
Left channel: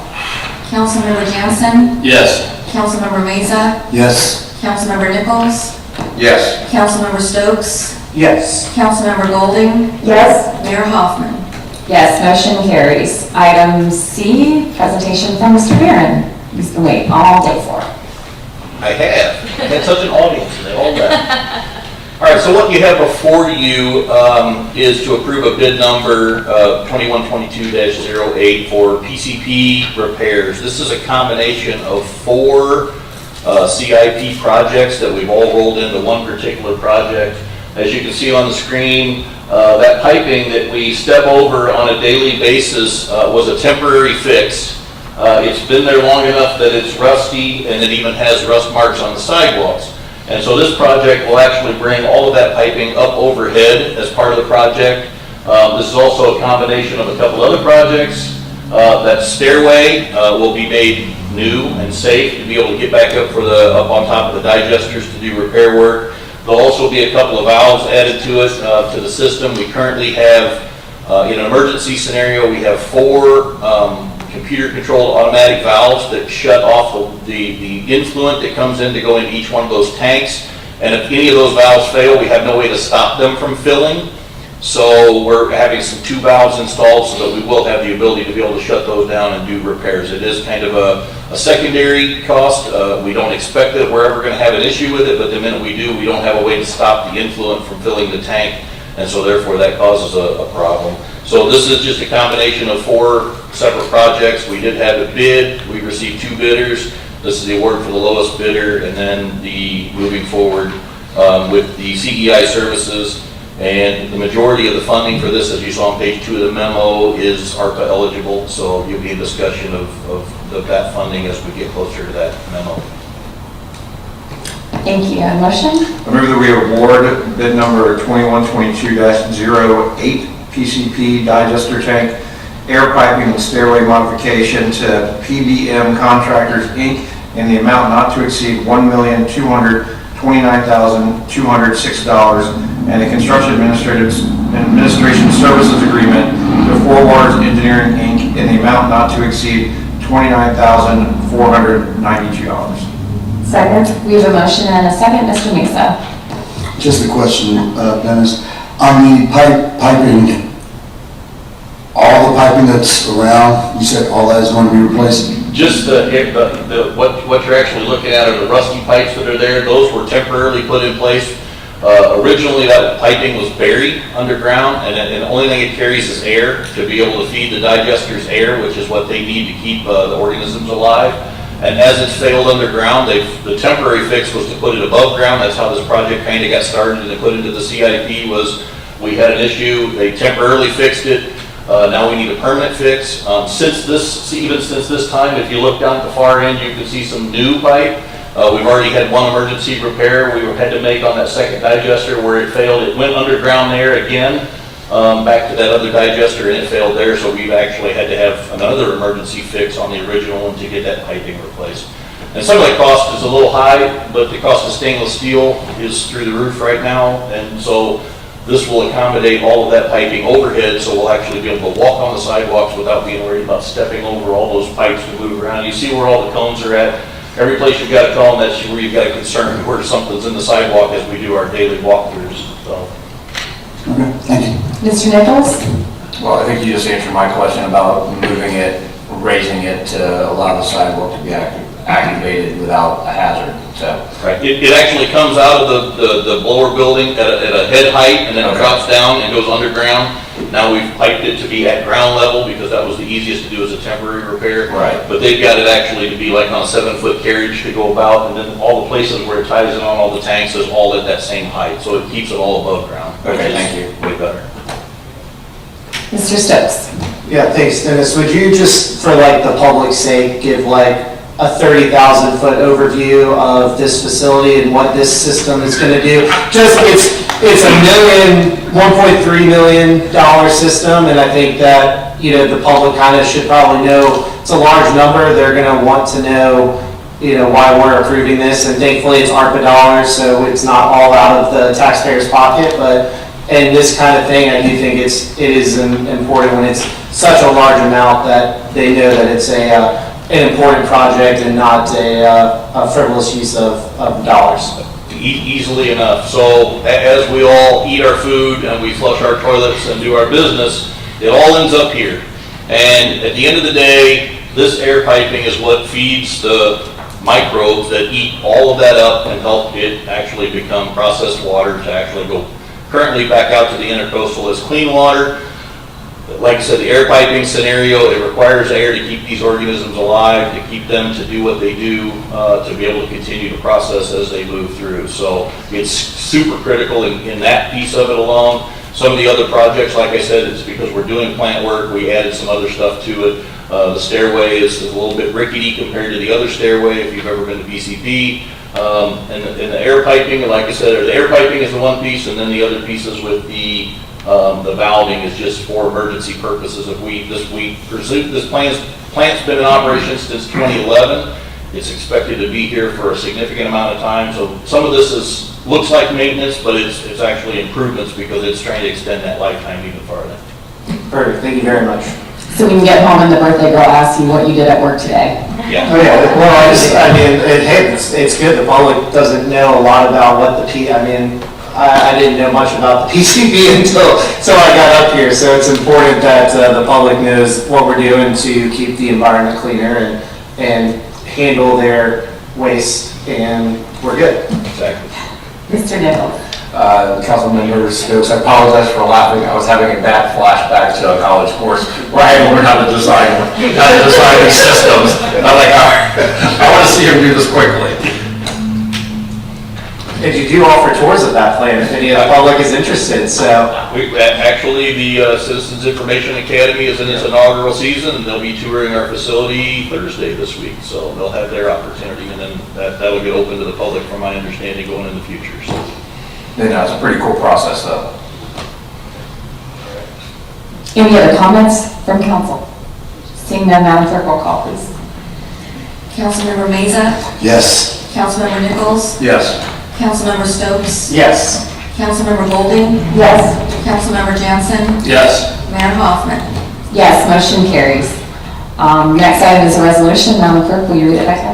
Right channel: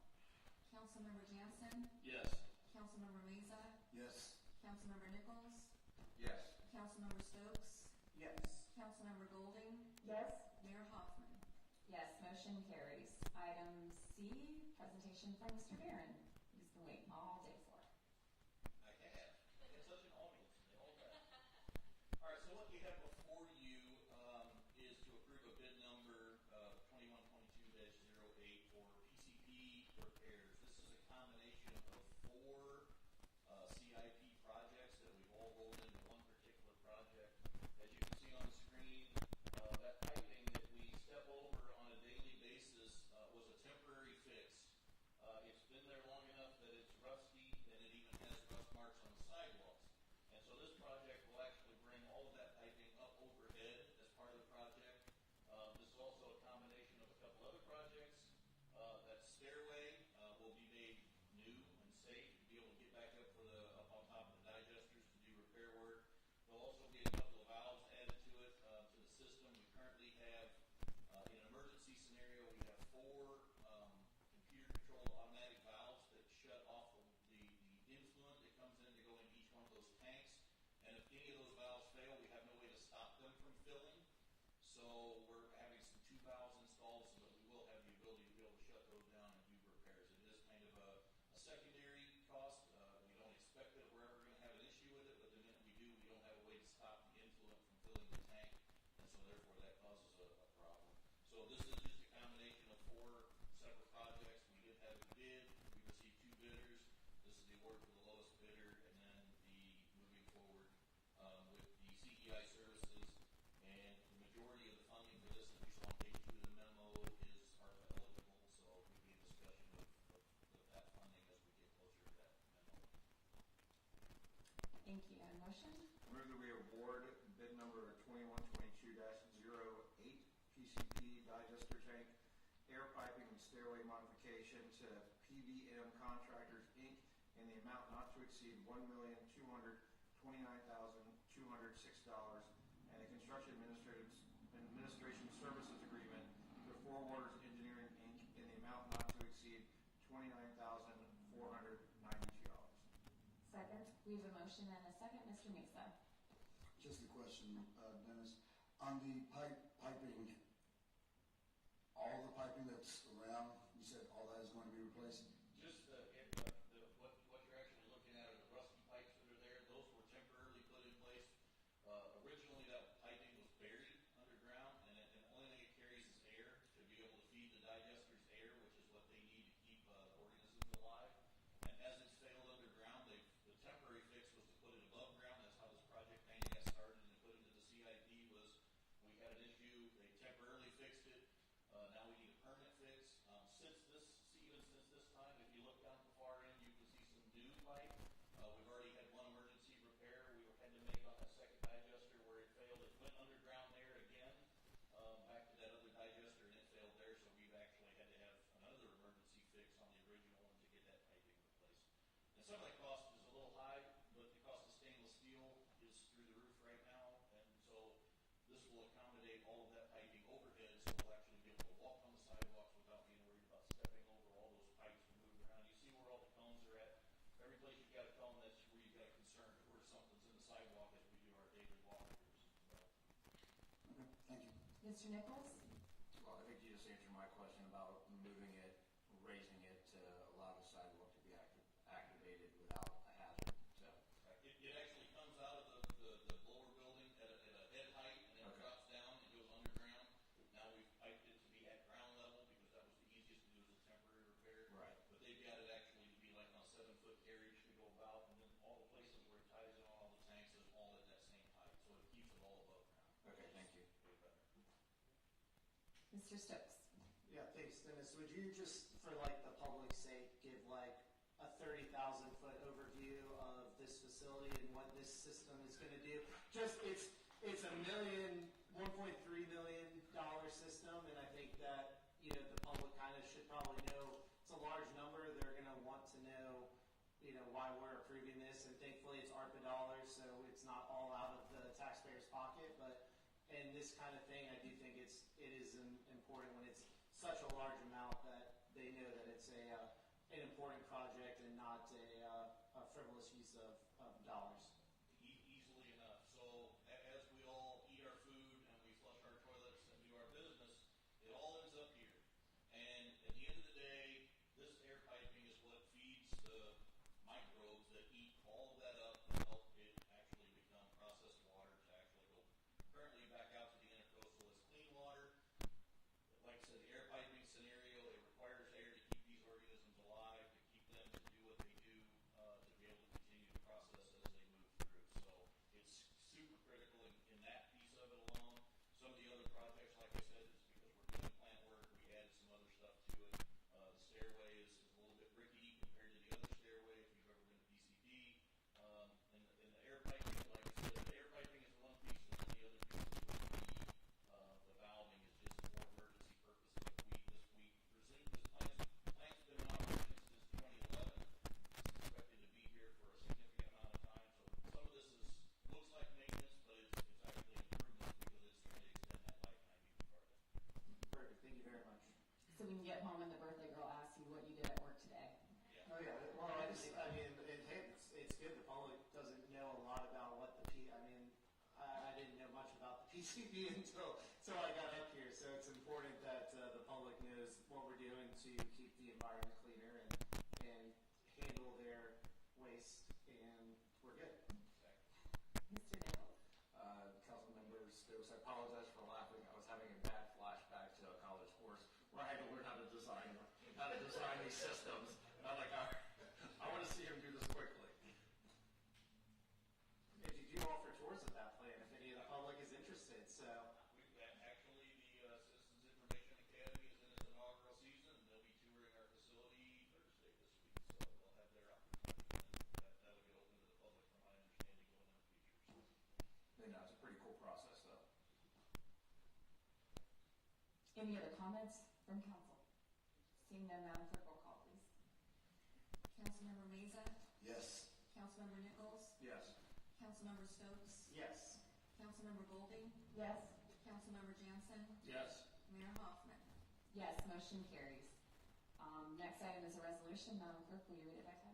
Councilmember Jansen? Yes. Councilmember Meza? Yes. Councilmember Nichols? Yes. Councilmember Stokes? Yes. Councilmember Golding? Yes. Mayor Hoffman? Yes, motion carries. Item C, presentation from Mr. Barron. He's been waiting all day for it. I have. I had such an audience, and they all left. All right, so what you have before you is to approve a bid number 2122-08 for PCP repairs. This is a combination of 4 CIP projects that we've all rolled into one particular project. As you can see on the screen, that piping that we step over on a daily basis was a temporary fix. It's been there long enough that it's rusty and it even has rust marks on the sidewalks. And so this project will actually bring all of that piping up overhead as part of the project. This is also a combination of a couple other projects. That stairway will be made new and safe to be able to get back up up on top of the digesters to do repair work. There'll also be a couple of valves added to it, to the system. We currently have, in an emergency scenario, we have 4 computer-controlled automatic valves that shut off the influent that comes in to go into each one of those tanks. And if any of those valves fail, we have no way to stop them from filling. So we're having some 2 valves installed so that we will have the ability to be able to shut those down and do repairs. It is kind of a secondary cost. We don't expect that we're ever going to have an issue with it, but the minute we do, we don't have a way to stop the influent from filling the tank, and so therefore that causes a problem. So this is just a combination of 4 separate projects. We did have a bid. We received 2 bidders. This is the award for the lowest bidder, and then the moving forward with the CEI services. And the majority of the funding for this, as you saw on page 2 of the memo, is ARPA eligible. So you'll be in discussion of that funding as we get closer to that memo. Thank you. A motion? I move that we award bid number 2122-08 PCP digester tank air piping and stairway modification to PBM Contractors, Inc. in the amount not to exceed $1,229,206 and a construction administration services agreement to Four Waters Engineering, Inc. in the amount not to exceed $29,492. Second. We have a motion and a second. Mr. Musa. Just a question, Dennis. On the piping, all the piping that's around, you said all that is going to be replaced? Just what you're actually looking at are the rusty pipes that are there. Those were temporarily put in place. Originally, that piping was buried underground, and the only thing it carries is air to be able to feed the digesters air, which is what they need to keep the organisms alive. And as it's failed underground, the temporary fix was to put it above ground. That's how this project kind of got started and put into the CIP. Was we had an issue, they temporarily fixed it. Now we need a permanent fix. Since this time, if you look down at the far end, you can see some new pipe. We've already had 1 emergency repair we had to make on that second digester where it failed. It went underground there again, back to that other digester, and it failed there. So we've actually had to have another emergency fix on the original one to get that piping replaced. And some of the cost is a little high, but the cost of stainless steel is through the roof right now. And so this will accommodate all of that piping overhead, so we'll actually be able to walk on the sidewalks without being worried about stepping over all those pipes to move around. You see where all the cones are at. Every place you've got a cone, that's where you've got a concern where something's in the sidewalk as we do our daily walkthroughs. So. Okay, thank you. Mr. Nichols? Well, I think you just answered my question about moving it, raising it to allow the sidewalk to be activated without a hazard, so. Right. It actually comes out of the blower building at a head height, and then it drops down and goes underground. Now we've piped it to be at ground level because that was the easiest to do as a temporary repair. Right. But they've got it actually to be like on a 7-foot carriage to go about, and then all the places where it ties in on all the tanks is all at that same height, so it keeps it all above ground. Okay, thank you. Way better. Mr. Stokes? Yeah, thanks, Dennis. Would you just, for like the public's sake, give like a 30,000-foot overview of this facility and what this system is going to do? Just, it's a $1.3 million system, and I think that, the public kind of should probably know it's a large number. They're going to want to know, why we're approving this, and thankfully it's ARPA dollars, so it's not all out of the taxpayer's pocket, but in this kind of thing, I do think it is important when it's such a large amount that they know that it's an important project and not a frivolous use of dollars. Easily enough. So as we all eat our food and we flush our toilets and do our business, it all ends up here. And at the end of the day, this air piping is what feeds the microbes that eat all of that up and help it actually become processed water to actually go currently back out to the intercoastal as clean water. like I said, the air piping scenario, it requires air to keep these organisms alive, to keep them to do what they do, to be able to continue to process as they move through. So it's super critical in that piece of it alone. Some of the other projects, like I said, it's because we're doing plant work, we added some other stuff to it. The stairway is a little bit rickety compared to the other stairway, if you've ever been to BCP. And the air piping, like I said, the air piping is the one piece, and then the other pieces with the valving is just for emergency purposes. This plant's been in operation since 2011. It's expected to be here for a significant amount of time. So some of this looks like maintenance, but it's actually improvements because it's trying to extend that lifetime even farther. Perfect, thank you very much. So we can get home and the birthday girl asks you what you did at work today. Yeah. Oh, yeah, well, it's good, the public doesn't know a lot about what I didn't know much about the PCB until I got up here, so it's important that the public knows what we're doing to keep the environment cleaner and handle their waste, and we're good. Exactly. Mr. Nichols. Councilmember Stokes, I apologize for laughing. I was having a bad flashback to a college course where I had to learn how to design these systems. And I'm like, all right, I want to see him do this quickly. And you do offer tours of that plant if any of the public is interested, so. Actually, the Citizens Information Academy is in its inaugural season, and they'll be touring our facility Thursday this week. So they'll have their opportunity, and then that'll get open to the public, from my understanding, going in the future. So. It's a pretty cool process, though. Any other comments from council? Seeing none, Madam Clerk, roll call, please. Councilmember Meza, Yes. Councilmember Nichols, Yes. Councilmember Stokes, Yes. Councilmember Golding, Yes. Councilmember Jansen, Yes. Mayor Hoffman. Yes, motion carries. Next item is a resolution. Madam Clerk, will you read it by title?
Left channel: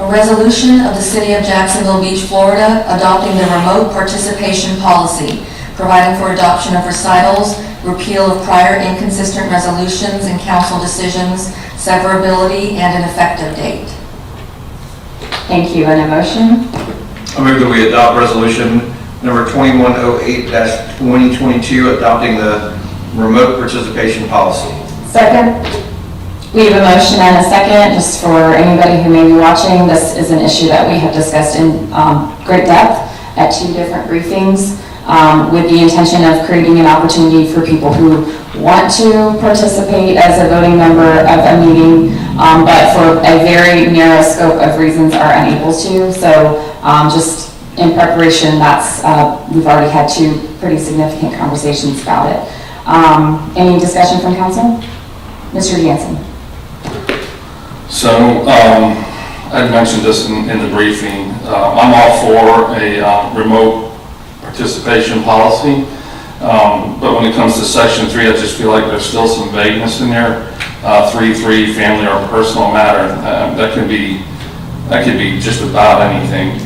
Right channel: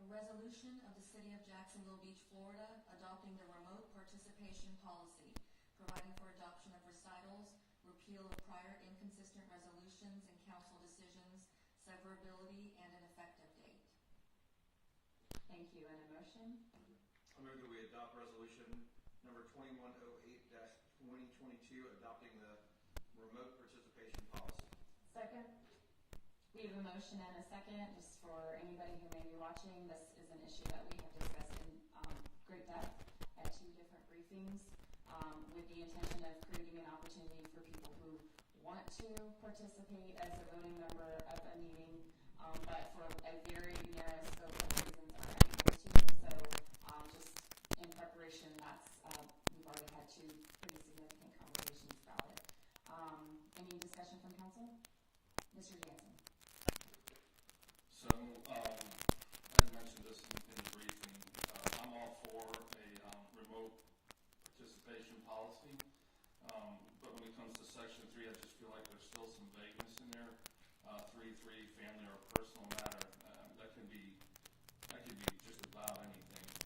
A resolution of the City of Jacksonville Beach, Florida, adopting the remote participation policy, providing for adoption of recitals, repeal of prior inconsistent resolutions and council decisions, severability, and an effective date. Thank you. And a motion? I move that we adopt resolution number 2108-2022, adopting the remote participation policy. Second? We have a motion and a second. Just for anybody who may be watching, this is an issue that we have discussed in great depth at 2 different briefings, with the intention of creating an opportunity for people who want to participate as a voting member of a meeting, but for a very narrow scope of reasons are unable to. So just in preparation, we've already had 2 pretty significant conversations about it. Any discussion from council? Mr. Jansen. So, I mentioned this in the briefing. I'm all for a remote participation policy, but when it comes to section 3, I just feel like there's still some vagueness in there. 3.3, family or personal matter, that could be just about anything.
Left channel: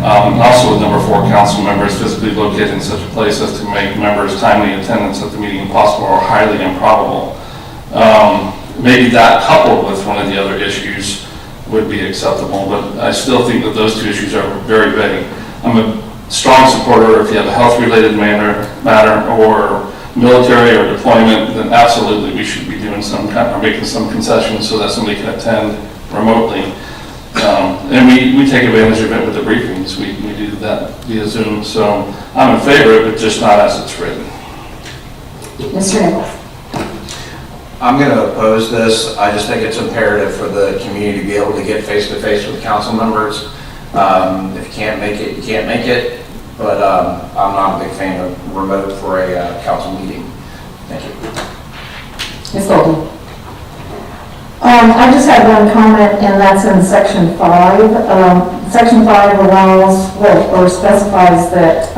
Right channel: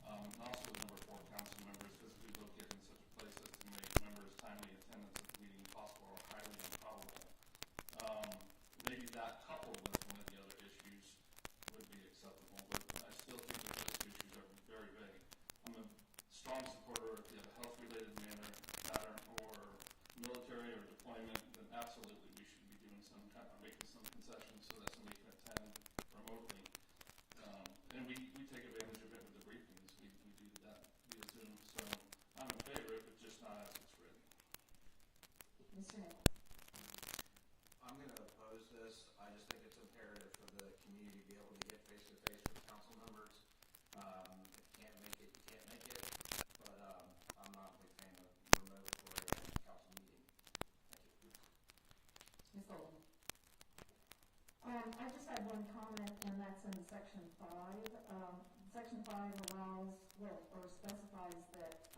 Also with number 4, council members physically located in such a place as to make members' timely attendance at the meeting impossible or highly improbable. Maybe that coupled with one of the other issues would be acceptable, but I still think that those 2 issues are very vague. I'm a strong supporter if you have a health-related matter or military or deployment, then absolutely we should be doing some kind of making some concessions so that somebody can attend remotely. And we take advantage of it with the briefings. We do that via Zoom, so I'm in favor of it, just not as it's written. Mr. Nichols. I'm going to oppose this. I just think it's imperative for the community to be able to get face-to-face with council members. If you can't make it, you can't make it. But I'm not a big fan of remote for a council meeting. Thank you. Ms. Golden. I just have one comment, and that's in section 5. Section 5 allows, or specifies that,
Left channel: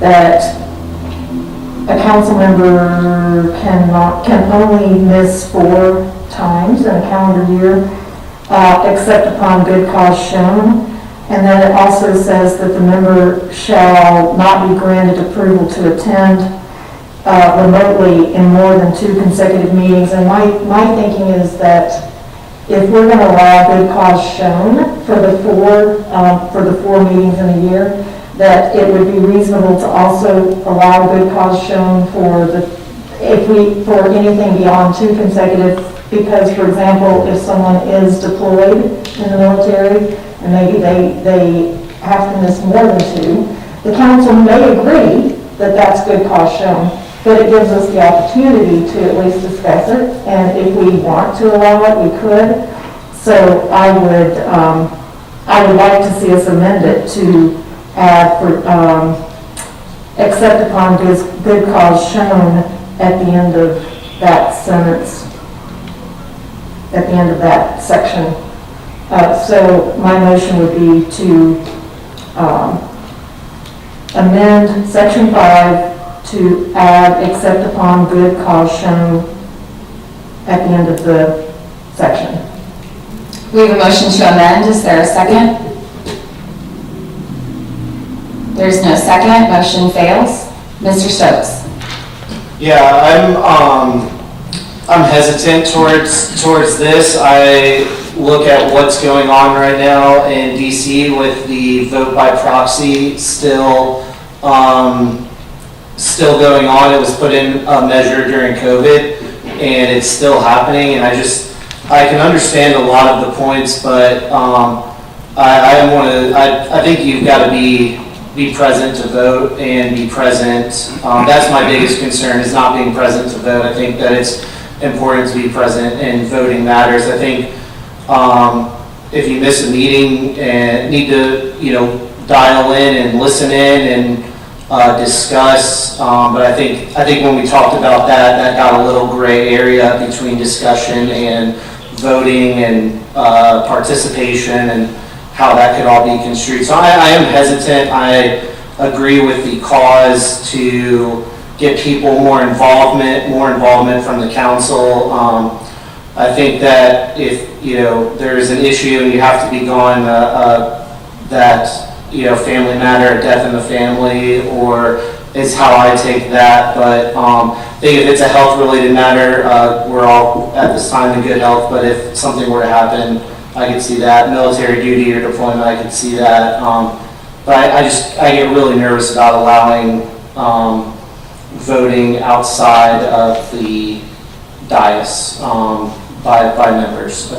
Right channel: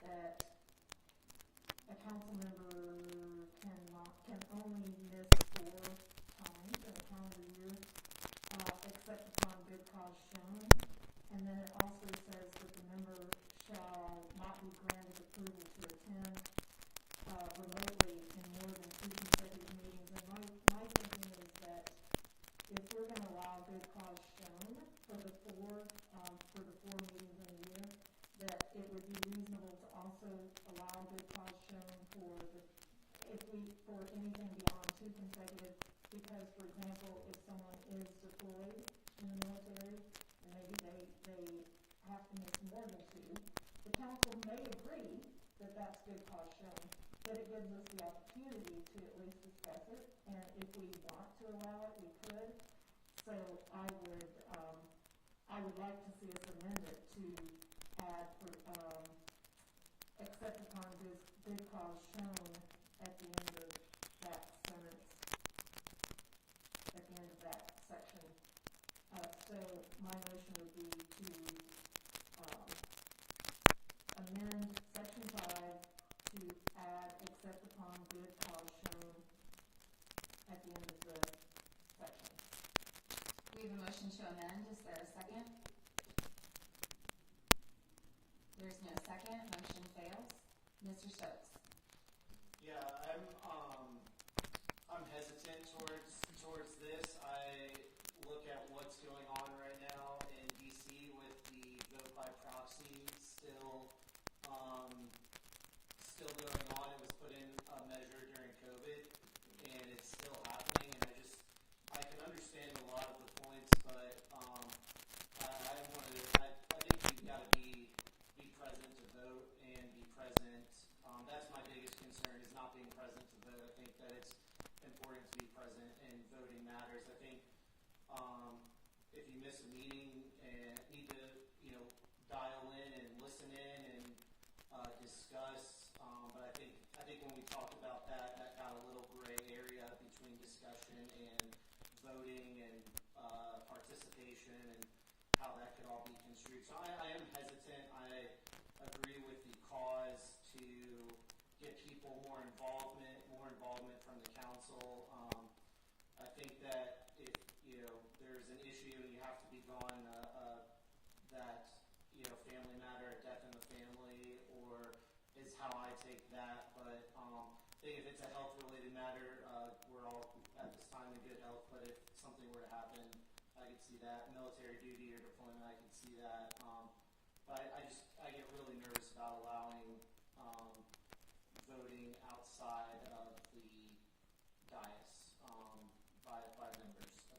that a council member can only miss 4 times in a calendar year, except upon good cause shown. And then it also says that the member shall not be granted approval to attend remotely in more than 2 consecutive meetings. And my thinking is that if we're going to allow good cause shown for the 4 meetings in a year, that it would be reasonable to also allow good cause shown for for anything beyond 2 consecutive, because, for example, if someone is deployed in the military, and maybe they have to miss more than 2, the council may agree that that's good cause shown, but it gives us the opportunity to at least discuss it, and if we want to allow it, we could. So I would like to see us amend it to add for, except upon good cause shown at the end of that sentence, at the end of that section. So my motion would be to amend section 5 to add except upon good cause shown at the end of the section. We have a motion to amend. Is there a second? There's no second. Motion fails. Mr. Stokes. Yeah, I'm hesitant towards this. I look at what's going on right now in DC with the vote by proxy still going on. It was put in a measure during COVID, and it's still happening. And I can understand a lot of the points, but I think you've got to be present to vote and be present. That's my biggest concern, is not being present to vote. I think that it's important to be present, and voting matters. I think if you miss a meeting and need to, dial in and listen in and discuss. But I think when we talked about that got a little gray area between discussion and voting and participation, and how that could all be construed. So I am hesitant. I agree with the cause to get people more involvement from the council. I think that if, there's an issue and you have to be gone, family matter, death in the family, or is how I take that. But I think if it's a health-related matter, we're all at this time in good health, but if something were to happen, I could see that. Military duty or deployment, I could see that. But I get really nervous about allowing voting outside of the dais by members.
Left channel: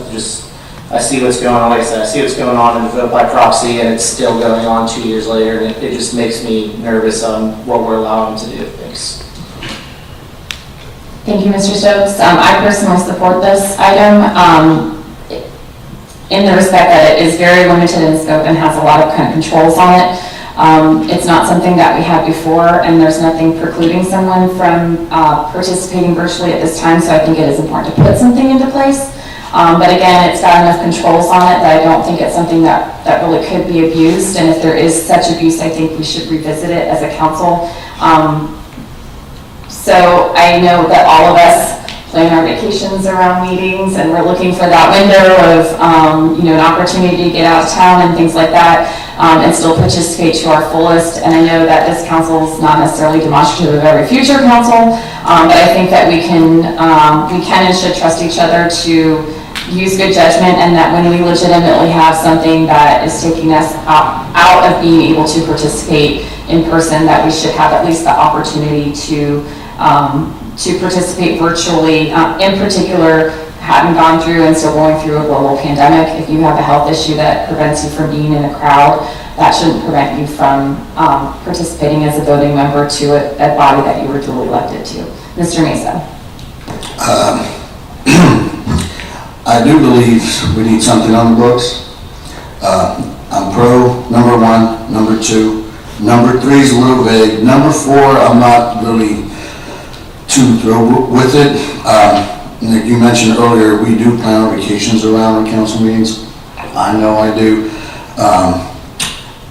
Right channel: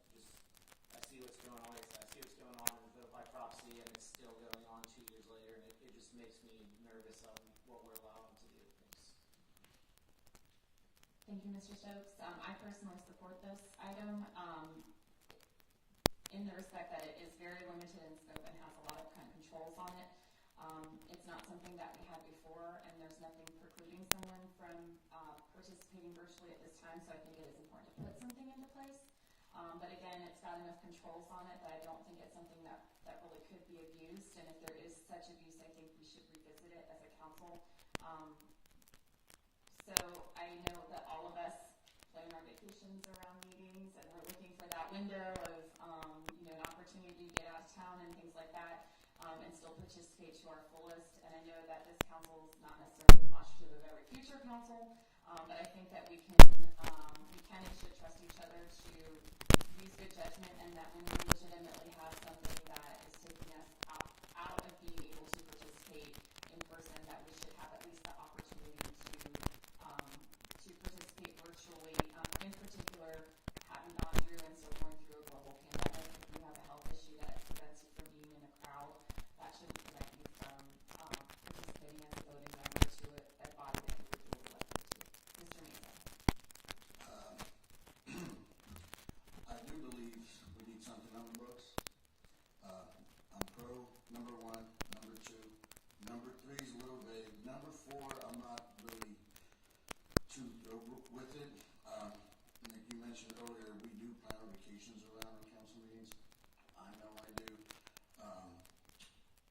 I see what's going on. Like I said, I see what's going on in the vote by proxy, and it's still going on 2 years later, and it just makes me nervous on what we're allowing to do. Thanks. Thank you, Mr. Stokes. I personally support this item in the respect that it is very limited in scope and has a lot of kind of controls on it. It's not something that we had before, and there's nothing precluding someone from participating virtually at this time, so I think it is important to put something into place. But again, it's got enough controls on it that I don't think it's something that really could be abused, and if there is such abuse, I think we should revisit it as a council. So I know that all of us plan our vacations around meetings, and we're looking for that window of, an opportunity to get out of town and things like that, and still participate to our fullest. And I know that this council is not necessarily demonstrative of every future council, but I think that we can and should trust each other to use good judgment, and that when we legitimately have something that is taking us out of being able to participate in person, that we should have at least the opportunity to participate virtually. In particular, having gone through and still going through a global pandemic, if you have a health issue that prevents you from being in a crowd, that shouldn't prevent you from participating as a voting member to a body that you were duly elected to. Mr. Mesa. I do believe we need something on the books. I'm pro number 1, number 2. Number 3 is a little vague. Number 4, I'm not really too thrilled with it. Like you mentioned earlier, we do plan our vacations around our council meetings. I know I do.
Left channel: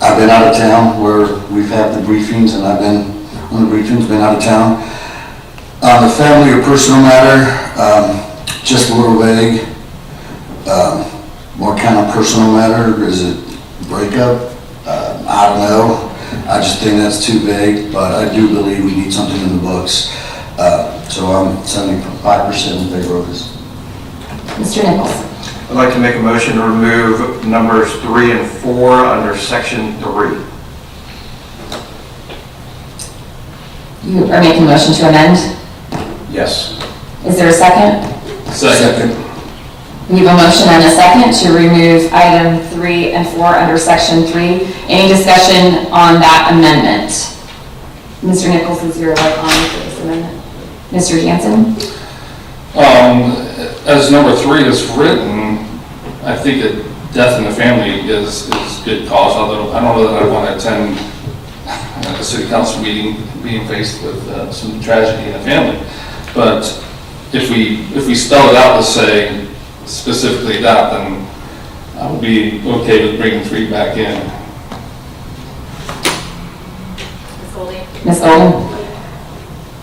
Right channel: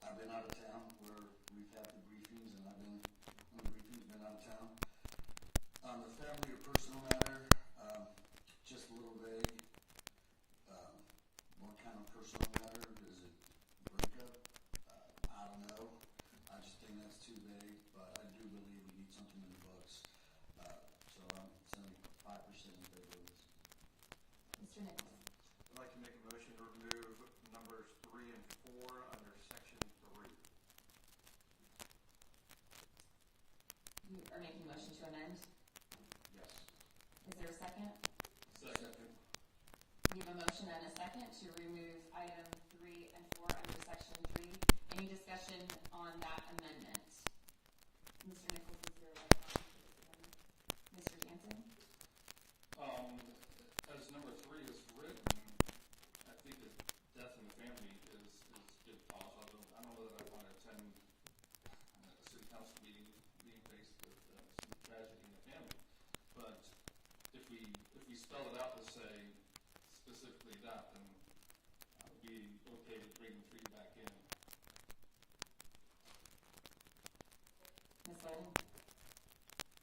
I've been out of town where we've had the briefings, and I've been on the briefings, been out of town. The family or personal matter, just a little vague. What kind of personal matter? Is it breakup? I don't know. I just think that's too vague, but I do believe we need something in the books. So I'm 75% in favor of this. Mr. Nichols. I'd like to make a motion to remove numbers 3 and 4 under section 3. You are making a motion to amend. Yes. Is there a second? Second. We have a motion and a second to remove item 3 and 4 under section 3. Any discussion on that amendment? Mr. Nichols, is your light on for this amendment? Mr. Jansen? As number 3 is written, I think that death in the family is good cause, although I don't know that I want to attend a city council meeting being faced with some tragedy in the family. But if we spell it out to say specifically that, then I would be okay with bringing 3 back in. Ms. Golden?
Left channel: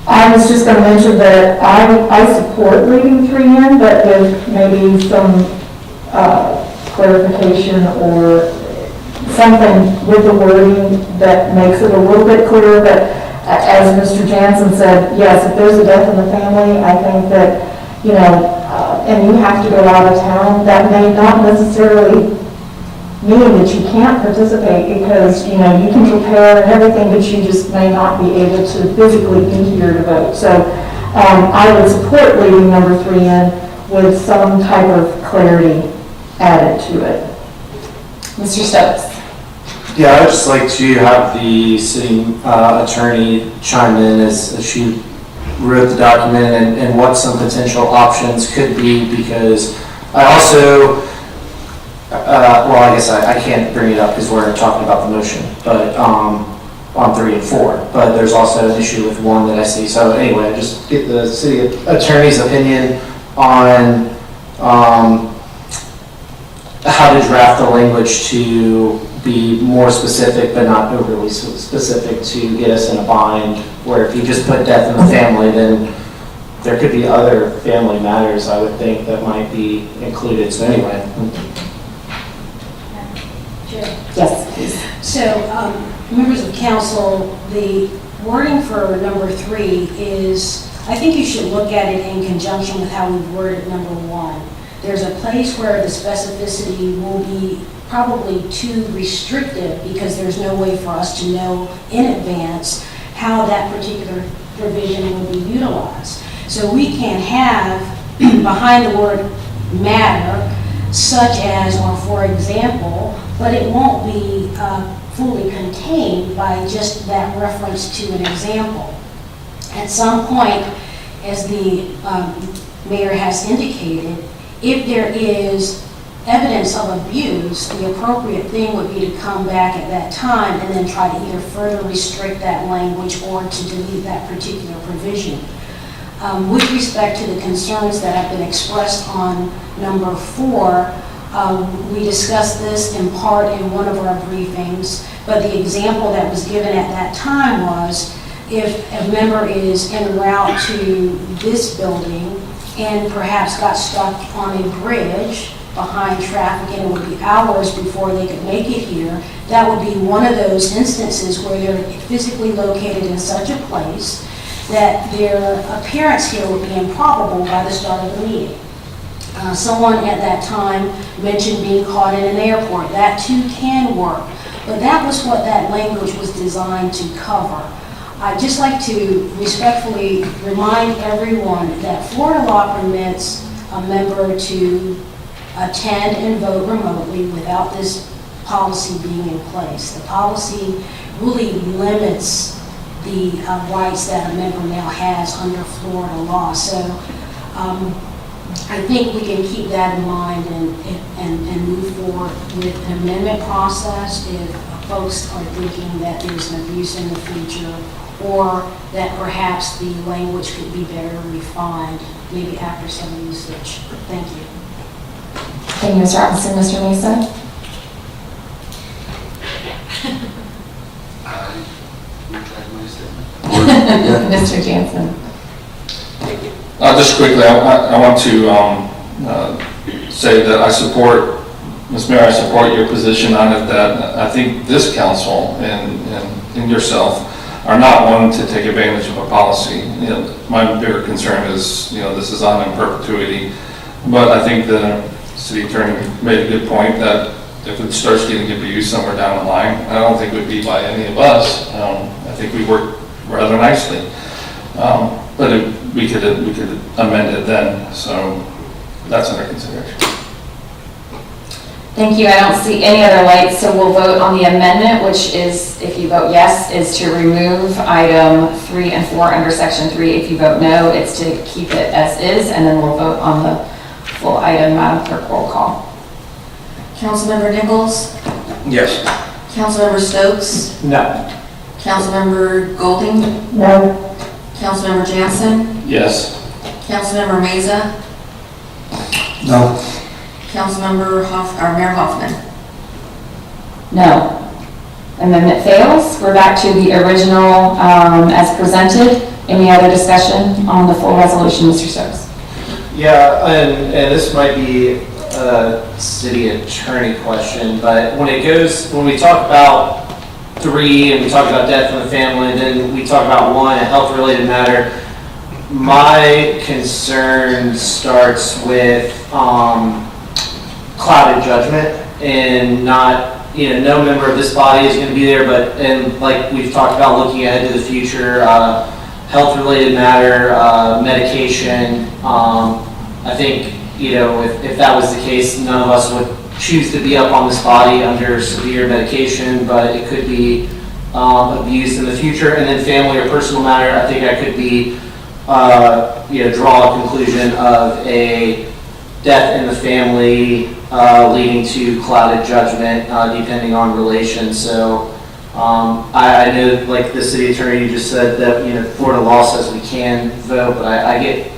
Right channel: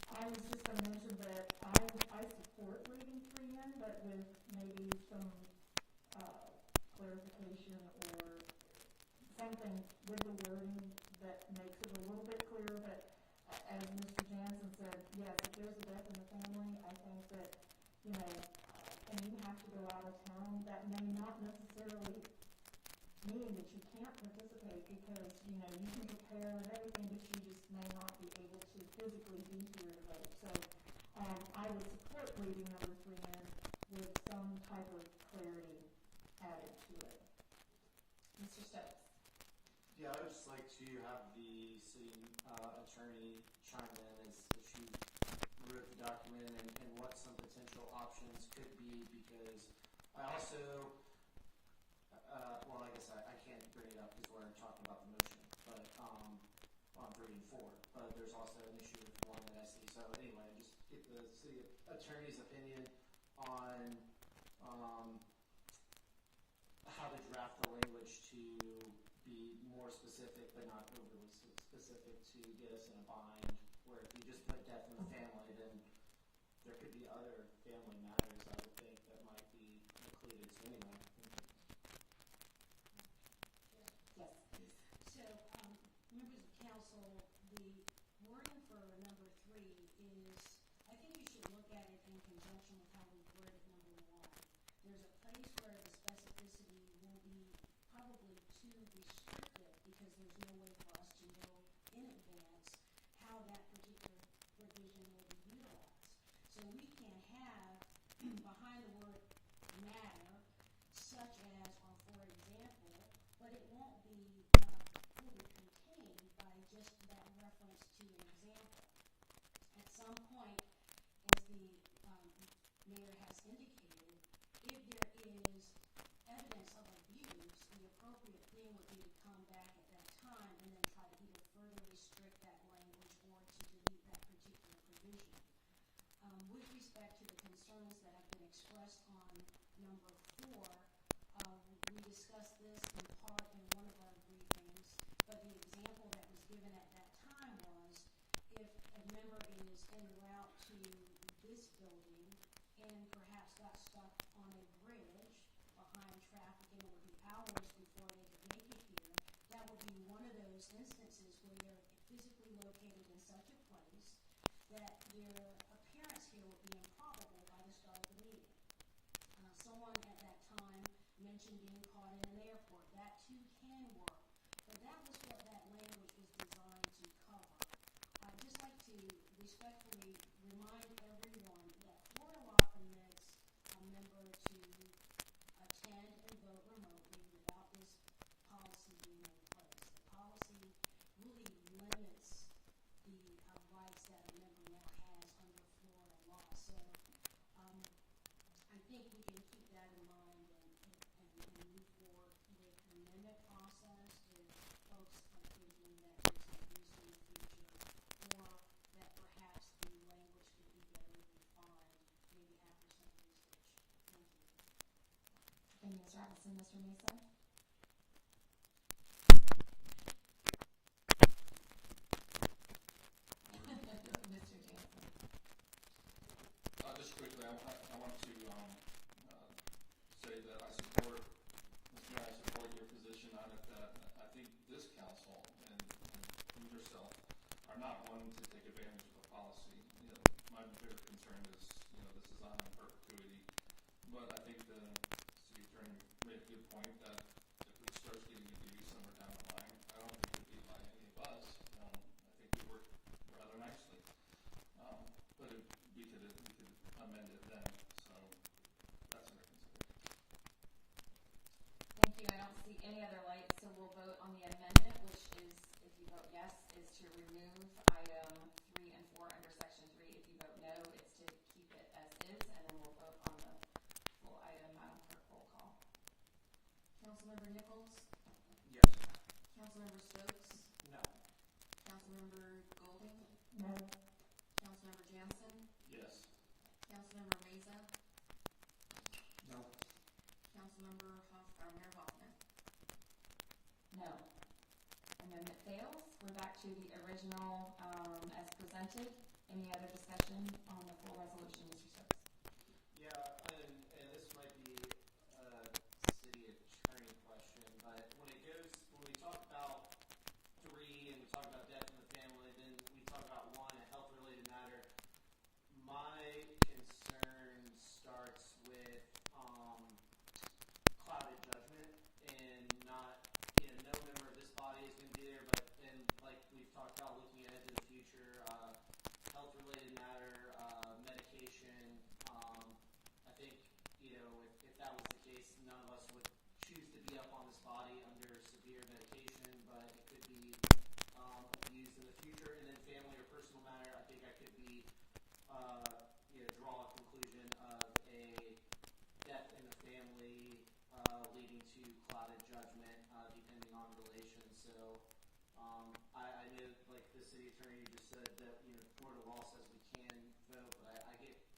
I was just going to mention that I support leaving 3 in, but with maybe some clarification or something with the wording that makes it a little bit clearer. But as Mr. Jansen said, yes, if there's a death in the family, I think that, and you have to go out of town, that may not necessarily mean that you can't participate because, you can prepare and everything, but you just may not be able to physically be here to vote. So I would support leaving number 3 in with some type of clarity added to it. Mr. Stokes? Yeah, I'd just like to have the city attorney chime in as she wrote the document and what some potential options could be, because I also, well, I guess I can't bring it up because we're talking about the motion, but on 3 and 4, but there's also an issue with 1 that I see. So anyway, just get the city attorney's opinion on how to draft the language to be more specific, but not overly specific to get us in a bind, where if you just put death in the family, then there could be other family matters, I would think, that might be included. So anyway. Yes, please. So, members of council, the wording for number 3 is, I think you should look at it in conjunction with how we worded number 1. There's a place where the specificity will be probably too restrictive because there's no way for us to know in advance how that particular provision will be utilized. So we can have behind the word matter, such as, or for example, but it won't be fully contained by just that reference to an example. At some point, as the mayor has indicated, if there is evidence of abuse, the appropriate thing would be to come back at that time and then try to either further restrict that language or to delete that particular provision. With respect to the concerns that have been expressed on number 4, we discussed this in part in one of our briefings, but the example that was given at that time was if a member is en route to this building and perhaps got stuck on a bridge behind traffic and it would be hours before they could make it here, that would be one of those instances where they're physically located in such a place that their appearance here would be improbable by the start of the meeting. Someone at that time mentioned being caught in an airport. That too can work, but that was what that language was designed to cover. I'd just like to respectfully remind everyone that Florida law permits a member to attend and vote remotely without this policy being in place. The policy really limits the rights that a member now has under Florida law. So I think we can keep that in mind and move forward with an amendment process if folks are thinking that there's an abuse in the future, or that perhaps the language could be better refined, maybe after some usage. Thank you. Thank you, Mr. Robinson. Mr. Mesa? Mr. Jansen? Just quickly, I want to say that I support, Ms. Mayor, I support your position on it, that I think this council and yourself are not one to take advantage of a policy. My bigger concern is, this is on in perpetuity. But I think the city attorney made a good point that if it starts getting abused somewhere down the line, I don't think it would be by any of us. I think we work rather nicely. But we could amend it then, so that's under consideration. Thank you. I don't see any other lights, so we'll vote on the amendment, which is, if you vote yes, is to remove item 3 and 4 under section 3. If you vote no, it's to keep it as is, and then we'll vote on the full item. Madam Clerk, roll call. Councilmember Nichols? Yes. Councilmember Stokes? No. Councilmember Golding? No. Councilmember Jansen? Yes. Councilmember Meza? No. Councilmember Mayor Hoffman? No. Amendment fails. We're back to the original as presented. Any other discussion on the full resolution, Mr. Stokes? Yeah, and this might be a city attorney question, but when we talk about 3 and we talk about death in the family, and then we talk about 1, a health-related matter, my concern starts with clouded judgment, and not, no member of this body is going to be there, and like we've talked about, looking ahead to the future, health-related matter, medication. I think, if that was the case, none of us would choose to be up on this body under severe medication, but it could be abused in the future. And then family or personal matter, I think I could be, draw a conclusion of a death in the family leading to clouded judgment, depending on relation. So I know, like the city attorney, you just said that, Florida law says we can vote, but I get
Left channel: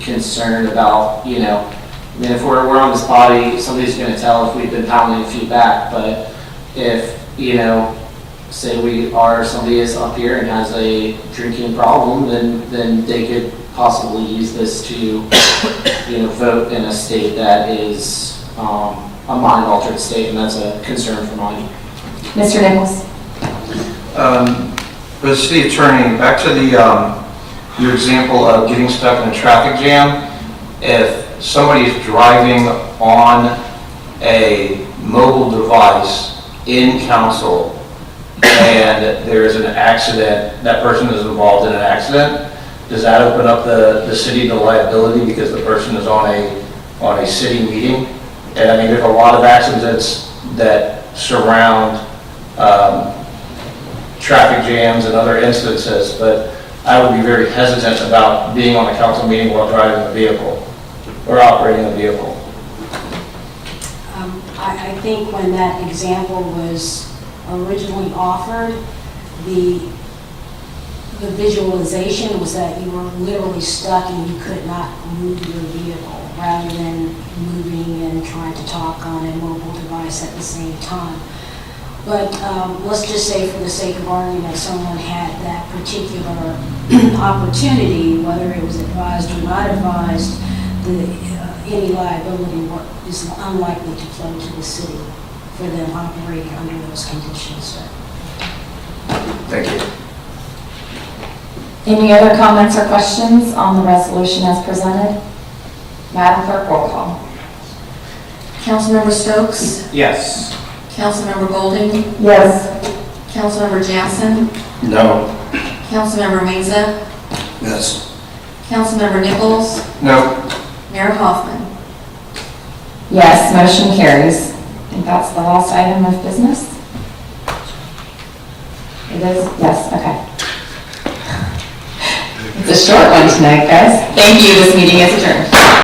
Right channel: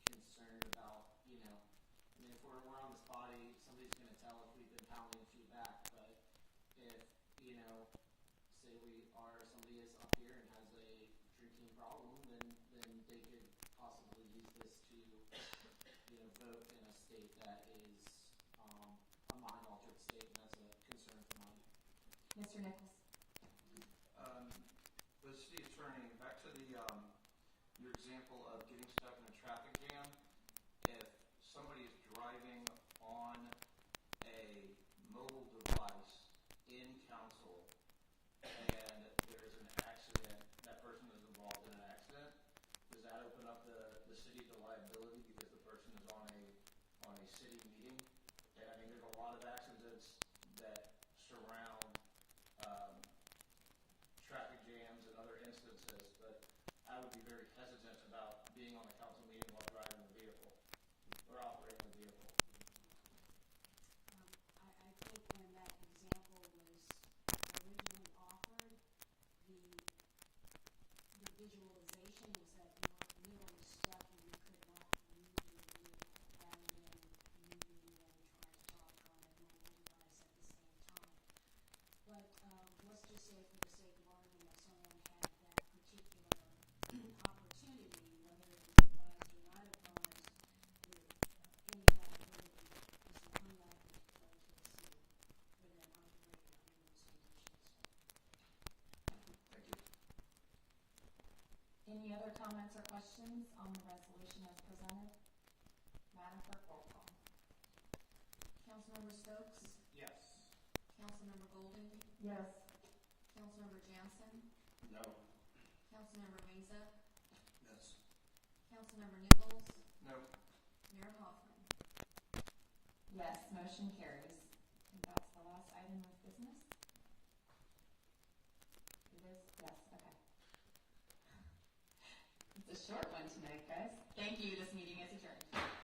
concerned about, if we're on this body, somebody's going to tell if we've been pounding a few back. But if, say somebody is up here and has a drinking problem, then they could possibly use this to, vote in a state that is a mind-altered state, and that's a concern for mine. Mr. Nichols? For the city attorney, back to your example of getting stuck in a traffic jam. If somebody is driving on a mobile device in council and there is an accident, that person is involved in an accident, does that open up the city to liability because the person is on a city meeting? And I mean, there's a lot of accidents that surround traffic jams and other instances, but I would be very hesitant about being on a council meeting while driving a vehicle or operating a vehicle. I think when that example was originally offered, the visualization was that you were literally stuck and you could not move your vehicle, rather than moving and trying to talk on a mobile device at the same time. But let's just say, for the sake of argument, someone had that particular opportunity, whether it was advised or not advised, any liability is unlikely to flow to the city for them operating under those conditions. Thank you. Any other comments or questions on the resolution as presented? Madam Clerk, roll call. Councilmember Stokes? Yes. Councilmember Golding? Yes. Councilmember Jansen? No. Councilmember Meza? Yes. Councilmember Nichols? No. Mayor Hoffman? Yes, motion carries. I think that's the last item of business. It is? Yes, okay. It's a short one tonight, guys. Thank you. This meeting is adjourned.